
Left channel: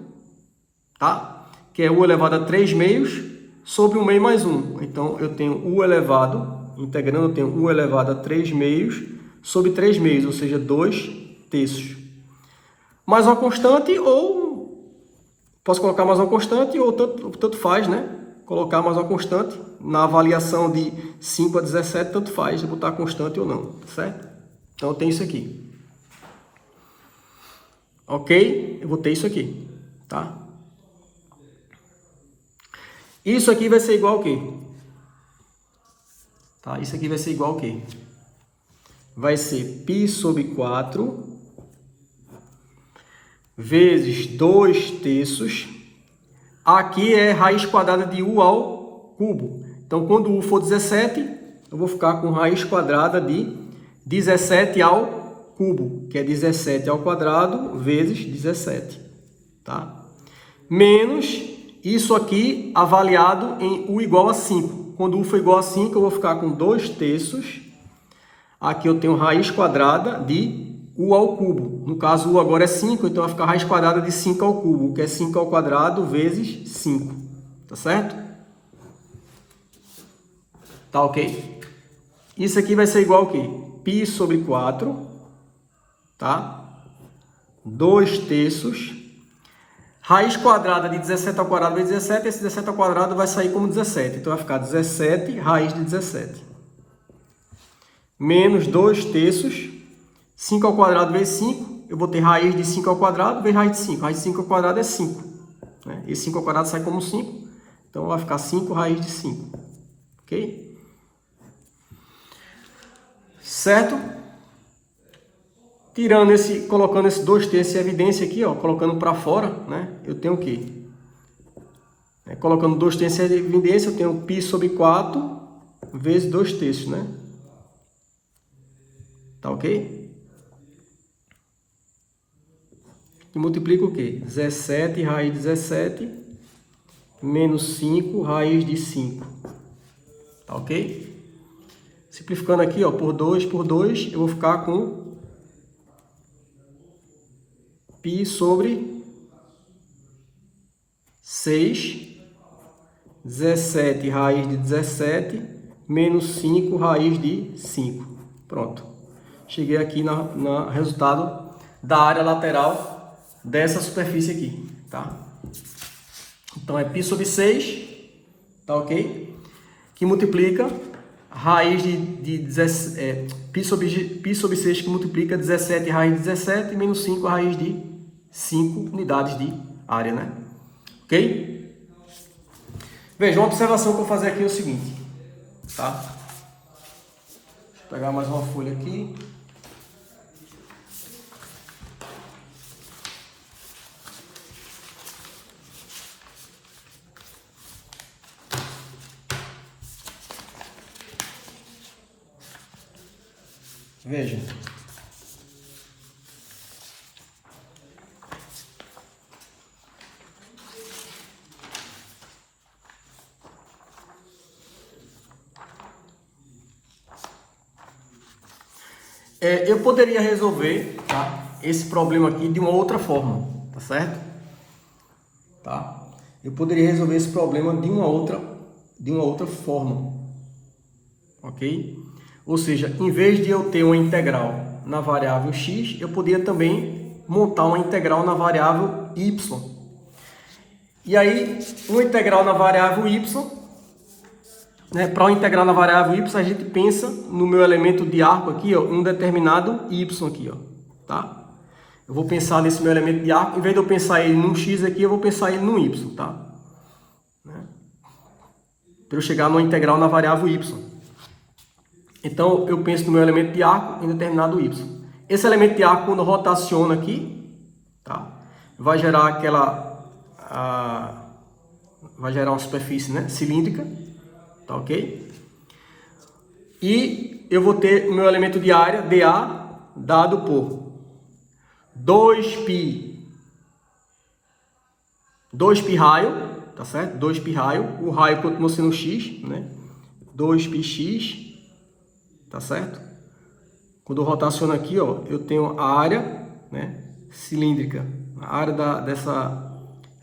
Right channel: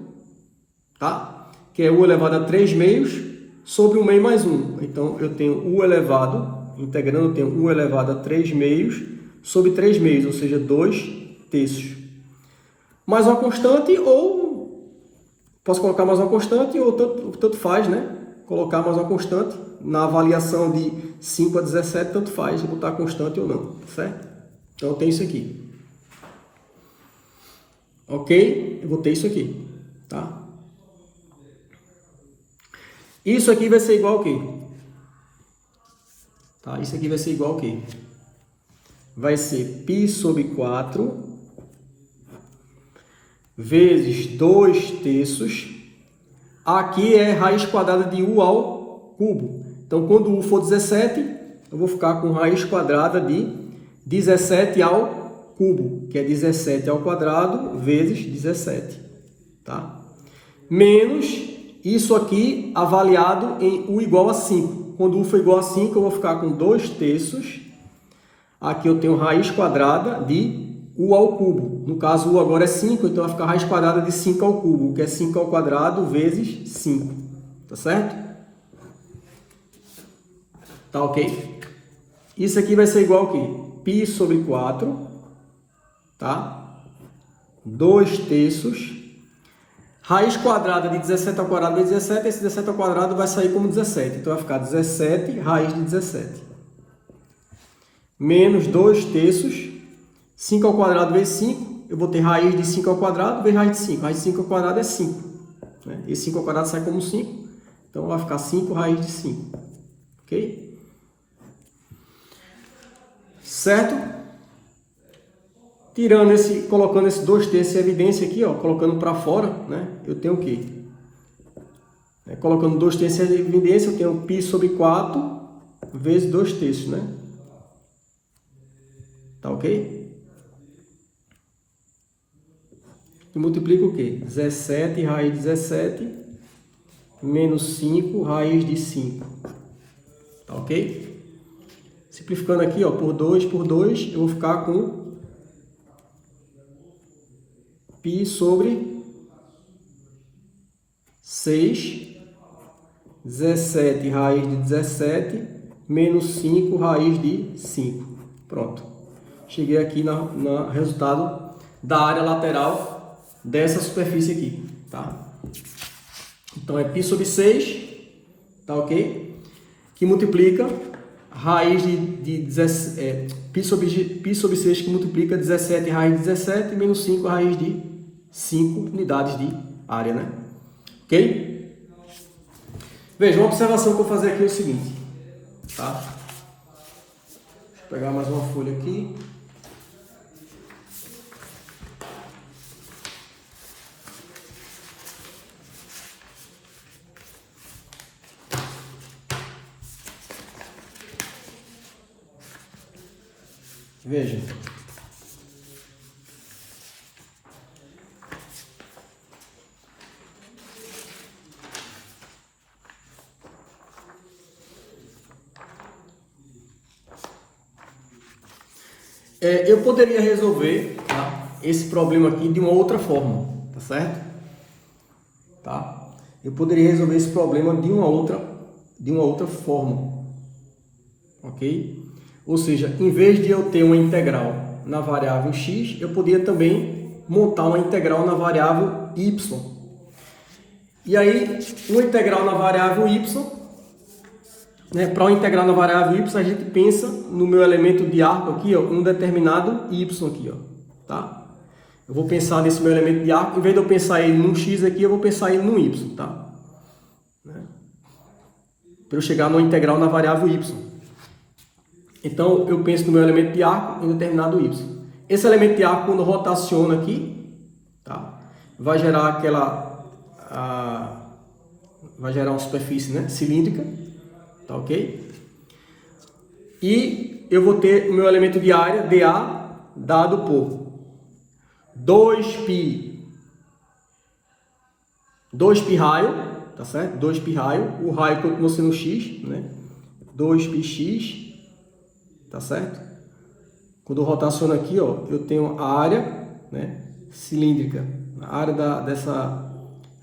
tá? Que é u elevado a 3 meios sobre 1 meio mais 1. Então, eu tenho u elevado, integrando, eu tenho u elevado a 3 meios sobre 3 meios, ou seja, 2 terços. Mais uma constante, ou posso colocar mais uma constante, ou tanto faz, né? Colocar mais uma constante na avaliação de 5 a 17, tanto faz botar constante ou não, certo? Então, eu tenho isso aqui. Ok? Eu botei isso aqui, tá? Isso aqui vai ser igual ao quê? Tá? Isso aqui vai ser igual ao quê? Vai ser π sobre 4 vezes 2 terços. Aqui é raiz quadrada de u ao cubo. Então, quando u for 17, eu vou ficar com raiz quadrada de 17 ao cubo, que é 17 ao quadrado vezes 17. Tá? Menos isso aqui avaliado em u igual a 5. Quando u for igual a 5, eu vou ficar com 2 terços. Aqui eu tenho raiz quadrada de u ao cubo. No caso, u agora é 5, então vai ficar raiz quadrada de 5 ao cubo, que é 5 ao quadrado vezes 5. Tá certo? Tá ok? Isso aqui vai ser igual ao quê? π sobre 4, tá? 2 terços. Raiz quadrada de 17 ao quadrado vezes 17, esse 17 ao quadrado vai sair como 17. Então, vai ficar 17 raiz de 17. Menos 2 terços. 5 ao quadrado vezes 5, eu vou ter raiz de 5 ao quadrado vezes raiz de 5. Raiz de 5 ao quadrado é 5. Né? Esse 5 ao quadrado sai como 5. Então, vai ficar 5 raiz de 5. Ok? Certo? Tirando esse, colocando esse 2 terços em evidência aqui, ó, colocando para fora, né? Eu tenho o quê? Colocando 2 terços em evidência, eu tenho π sobre 4 vezes 2 terços, né? Tá ok? E multiplica o quê? 17 raiz de 17 menos 5 raiz de 5. Tá ok? Simplificando aqui, ó, por 2, eu vou ficar com π sobre 6, 17 raiz de 17, menos 5 raiz de 5. Pronto. Cheguei aqui no resultado da área lateral dessa superfície aqui, tá? Então, é π sobre 6, tá ok? Que multiplica raiz π sobre 6 que multiplica 17 raiz de 17 menos 5 raiz de 5 unidades de área, né? Ok? Veja, uma observação que eu vou fazer aqui é o seguinte, tá? Deixa eu pegar mais uma folha aqui. Veja. Eu poderia resolver, tá, esse problema aqui de uma outra forma, tá certo? Tá? Eu poderia resolver esse problema de uma outra forma, ok? Ou seja, em vez de eu ter uma integral na variável x, eu poderia também montar uma integral na variável y. E aí, uma integral na variável y, né, para uma integral na variável y, a gente pensa no meu elemento de arco aqui, ó, um determinado y aqui, ó, tá? Eu vou pensar nesse meu elemento de arco, em vez de eu pensar ele num x aqui, eu vou pensar ele num y, tá? Para eu chegar numa integral na variável y. Então, eu penso no meu elemento de arco em determinado y. Esse elemento de arco, quando rotaciona aqui, tá, vai gerar uma superfície, né, cilíndrica, tá ok? E eu vou ter o meu elemento de área, dA, dado por 2π raio, tá certo? 2π raio, o raio continua sendo x, né? 2πx, tá certo? Quando eu rotaciono aqui, ó, eu tenho a área, né, cilíndrica, a área dessa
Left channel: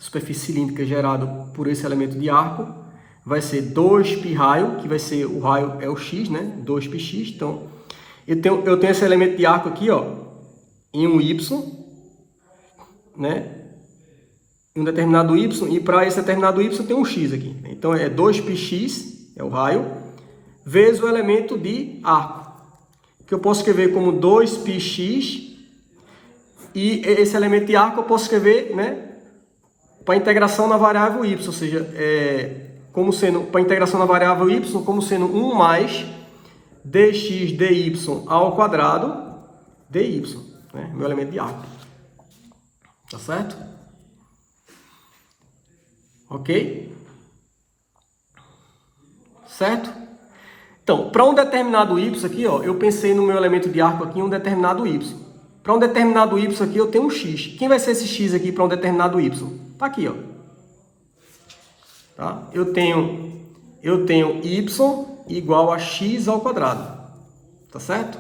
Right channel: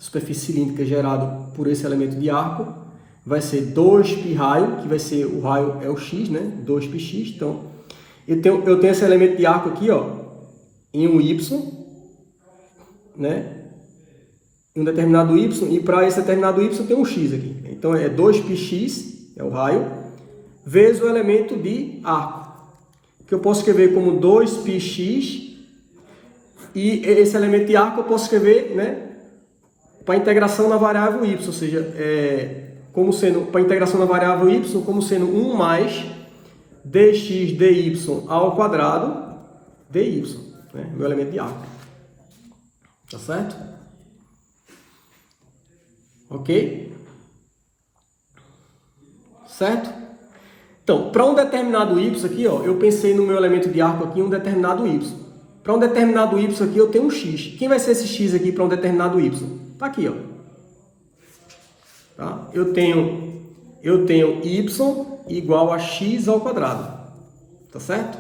superfície cilíndrica gerada por esse elemento de arco, vai ser 2π raio, que vai ser, o raio é o x, né, 2πx, então eu tenho esse elemento de arco aqui, ó, em um y, né, em um determinado y, e para esse determinado y tem um x aqui, então é 2πx, é o raio, vezes o elemento de arco, que eu posso escrever como 2πx, e esse elemento de arco eu posso escrever, né, para integração na variável y, ou seja, como sendo, para integração na variável y, como sendo 1 mais dx dy ao quadrado dy, né, meu elemento de arco. Tá certo? Ok? Certo? Então, para um determinado y aqui, ó, eu pensei no meu elemento de arco aqui, um determinado y. Para um determinado y aqui, eu tenho um x. Quem vai ser esse x aqui para um determinado y? Tá aqui, ó. Tá? Eu tenho y igual a x ao quadrado. Tá certo?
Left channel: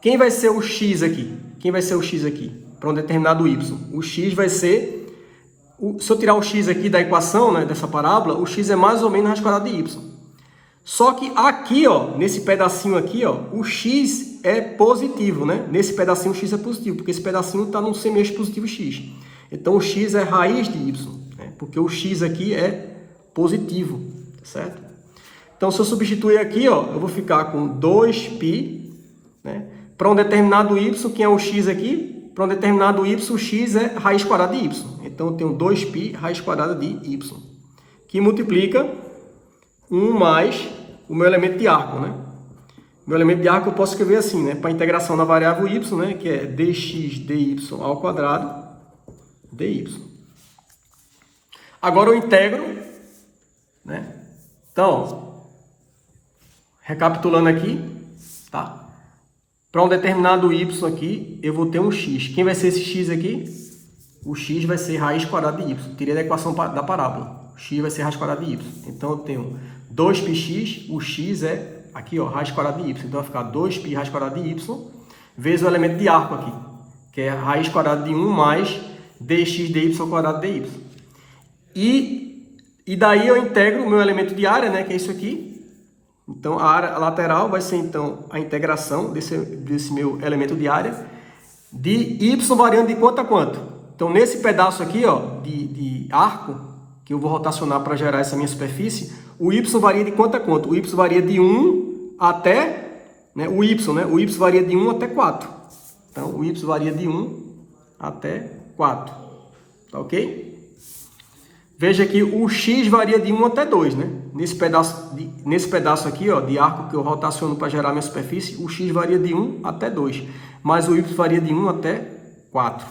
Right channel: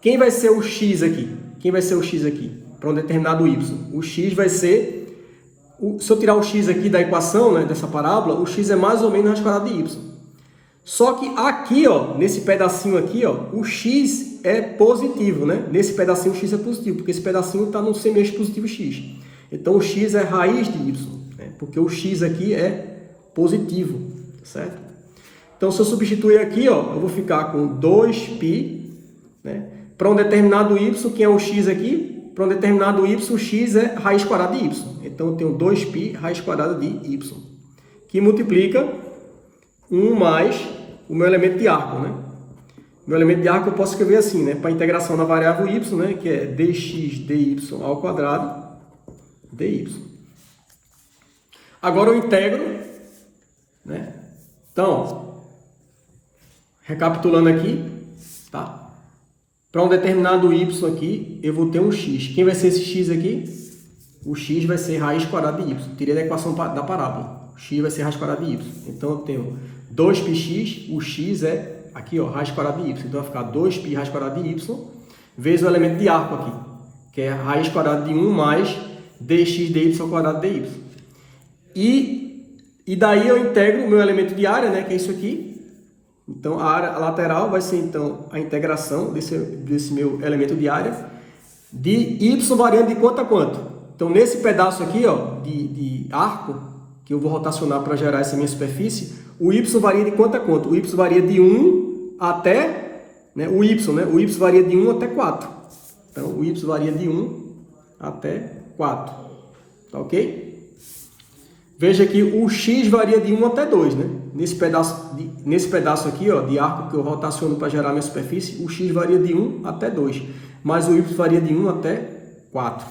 Quem vai ser o x aqui? Quem vai ser o x aqui para um determinado y? O x vai ser... se eu tirar o x aqui da equação, né, dessa parábola, o x é mais ou menos a raiz quadrada de y. Só que aqui, ó, nesse pedacinho aqui, ó, o x é positivo, né? Nesse pedacinho o x é positivo, porque esse pedacinho está no semi-eixo positivo x. Então o x é raiz de y, né? Porque o x aqui é positivo, certo? Então se eu substituir aqui, ó, eu vou ficar com 2π, né? Para um determinado y, quem é o x aqui? Para um determinado y, o x é raiz quadrada de y. Então eu tenho 2π raiz quadrada de y, que multiplica 1 mais o meu elemento de arco, né? Meu elemento de arco eu posso escrever assim, né? Para integração na variável y, né? Que é dx dy ao quadrado dy. Agora eu integro, né? Então, recapitulando aqui, tá? Para um determinado y aqui, eu vou ter um x. Quem vai ser esse x aqui? O x vai ser raiz quadrada de y. Tirei da equação da parábola. X vai ser raiz quadrada de y. Então, eu tenho 2πx, o x é aqui, ó, raiz quadrada de y. Então vai ficar 2π raiz quadrada de y vezes o elemento de arco aqui, que é a raiz quadrada de 1 mais dx dy quadrado dy. E daí eu integro o meu elemento de área, né, que é isso aqui. Então a área lateral vai ser então a integração desse meu elemento de área de y variando de quanto a quanto. Então nesse pedaço aqui, ó, de arco, que eu vou rotacionar para gerar essa minha superfície, o y varia de quanto a quanto? O y varia de 1 até, né, o y varia de 1 até 4. Então o y varia de 1 até 4. Tá ok? Veja que o x varia de 1 até 2, né? Nesse pedaço aqui, ó, de arco que eu rotaciono para gerar minha superfície, o x varia de 1 até 2. Mas o y varia de 1 até 4.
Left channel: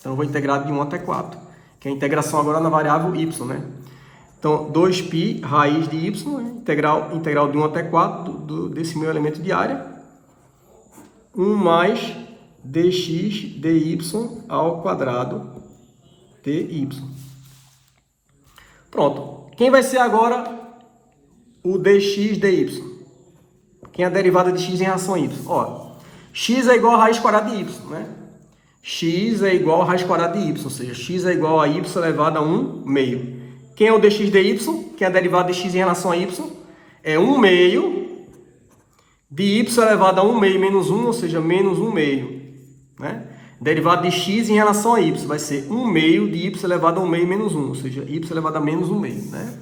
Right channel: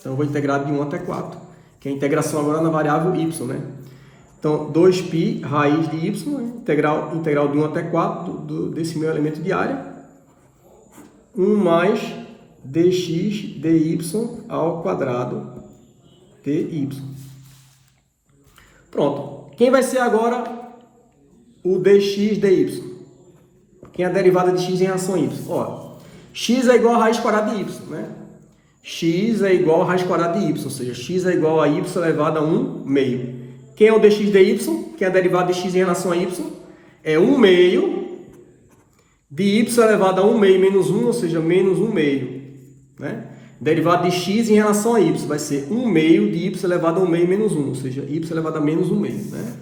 Então eu vou integrar de 1 até 4. Que é a integração agora na variável y, né? Então 2π raiz de y, né? integral de 1 até 4 desse meu elemento de área. 1 mais dx dy ao quadrado dy. Pronto. Quem vai ser agora o dx dy? Quem é a derivada de x em relação a y? Ó, x é igual a raiz quadrada de y, né? X é igual a raiz quadrada de y, ou seja, x é igual a y elevado a 1 meio. Quem é o dx dy? Quem é a derivada de x em relação a y? É 1 meio de y elevado a 1 meio menos 1, ou seja, menos 1 meio, né? Derivada de x em relação a y vai ser 1 meio de y elevado a 1 meio menos 1, ou seja, y elevado a menos 1 meio, né?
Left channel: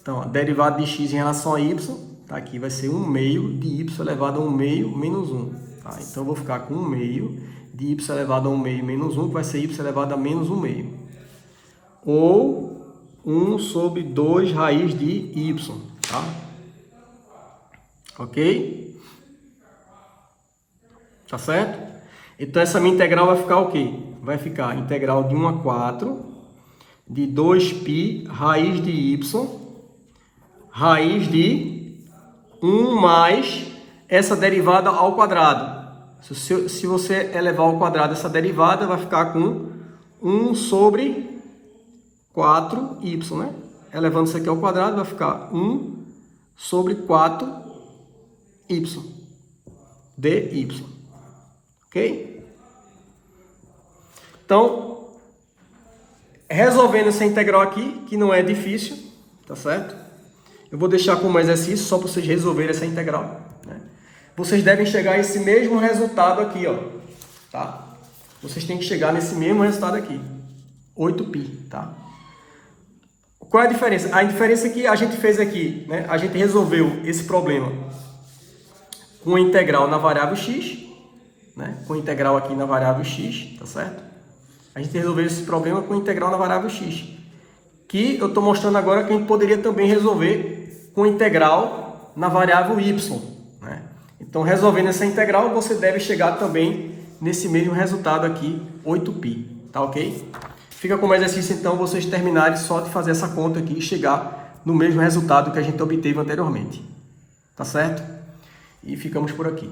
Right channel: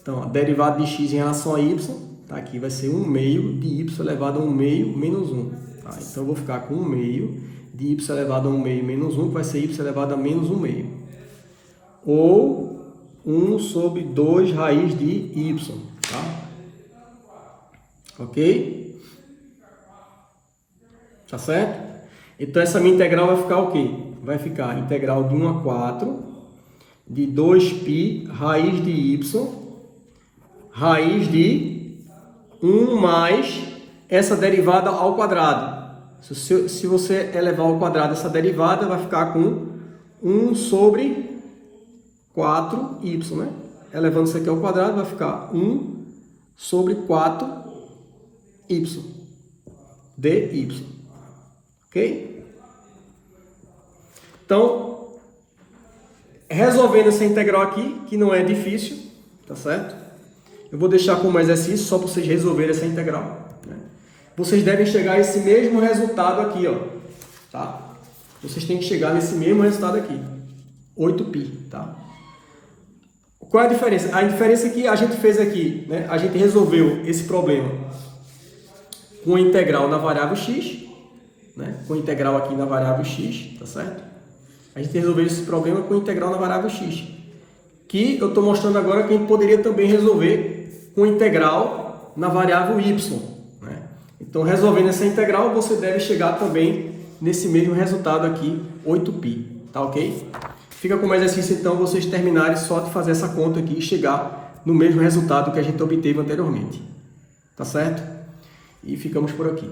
Então, a derivada de x em relação a y, tá aqui, vai ser 1 meio de y elevado a 1 meio menos 1. Tá? Então, eu vou ficar com 1 meio de y elevado a 1 meio menos 1, que vai ser y elevado a menos 1 meio. Ou 1 sobre 2 raiz de y, tá? Ok? Tá certo? Então, essa minha integral vai ficar o quê? Vai ficar integral de 1 a 4 de 2π raiz de y raiz de 1 mais essa derivada ao quadrado. Se você elevar ao quadrado essa derivada, vai ficar com 1 sobre 4y, né? Elevando isso aqui ao quadrado, vai ficar 1 sobre 4y dy. Ok? Então, resolvendo essa integral aqui, que não é difícil, tá certo? Eu vou deixar como exercício só para vocês resolverem essa integral, né? Vocês devem chegar a esse mesmo resultado aqui, ó, tá? Vocês têm que chegar nesse mesmo resultado aqui, 8π, tá? Qual é a diferença? A diferença que a gente fez aqui, né? A gente resolveu esse problema com a integral na variável x, né? Com a integral aqui na variável x, tá certo? A gente resolveu esse problema com a integral na variável x, que eu estou mostrando agora que a gente poderia também resolver com a integral na variável y, né? Então, resolvendo essa integral, você deve chegar também nesse mesmo resultado aqui, 8π, tá ok? Fica como exercício, então, vocês terminarem só de fazer essa conta aqui e chegar no mesmo resultado que a gente obteve anteriormente, tá certo? E ficamos por aqui.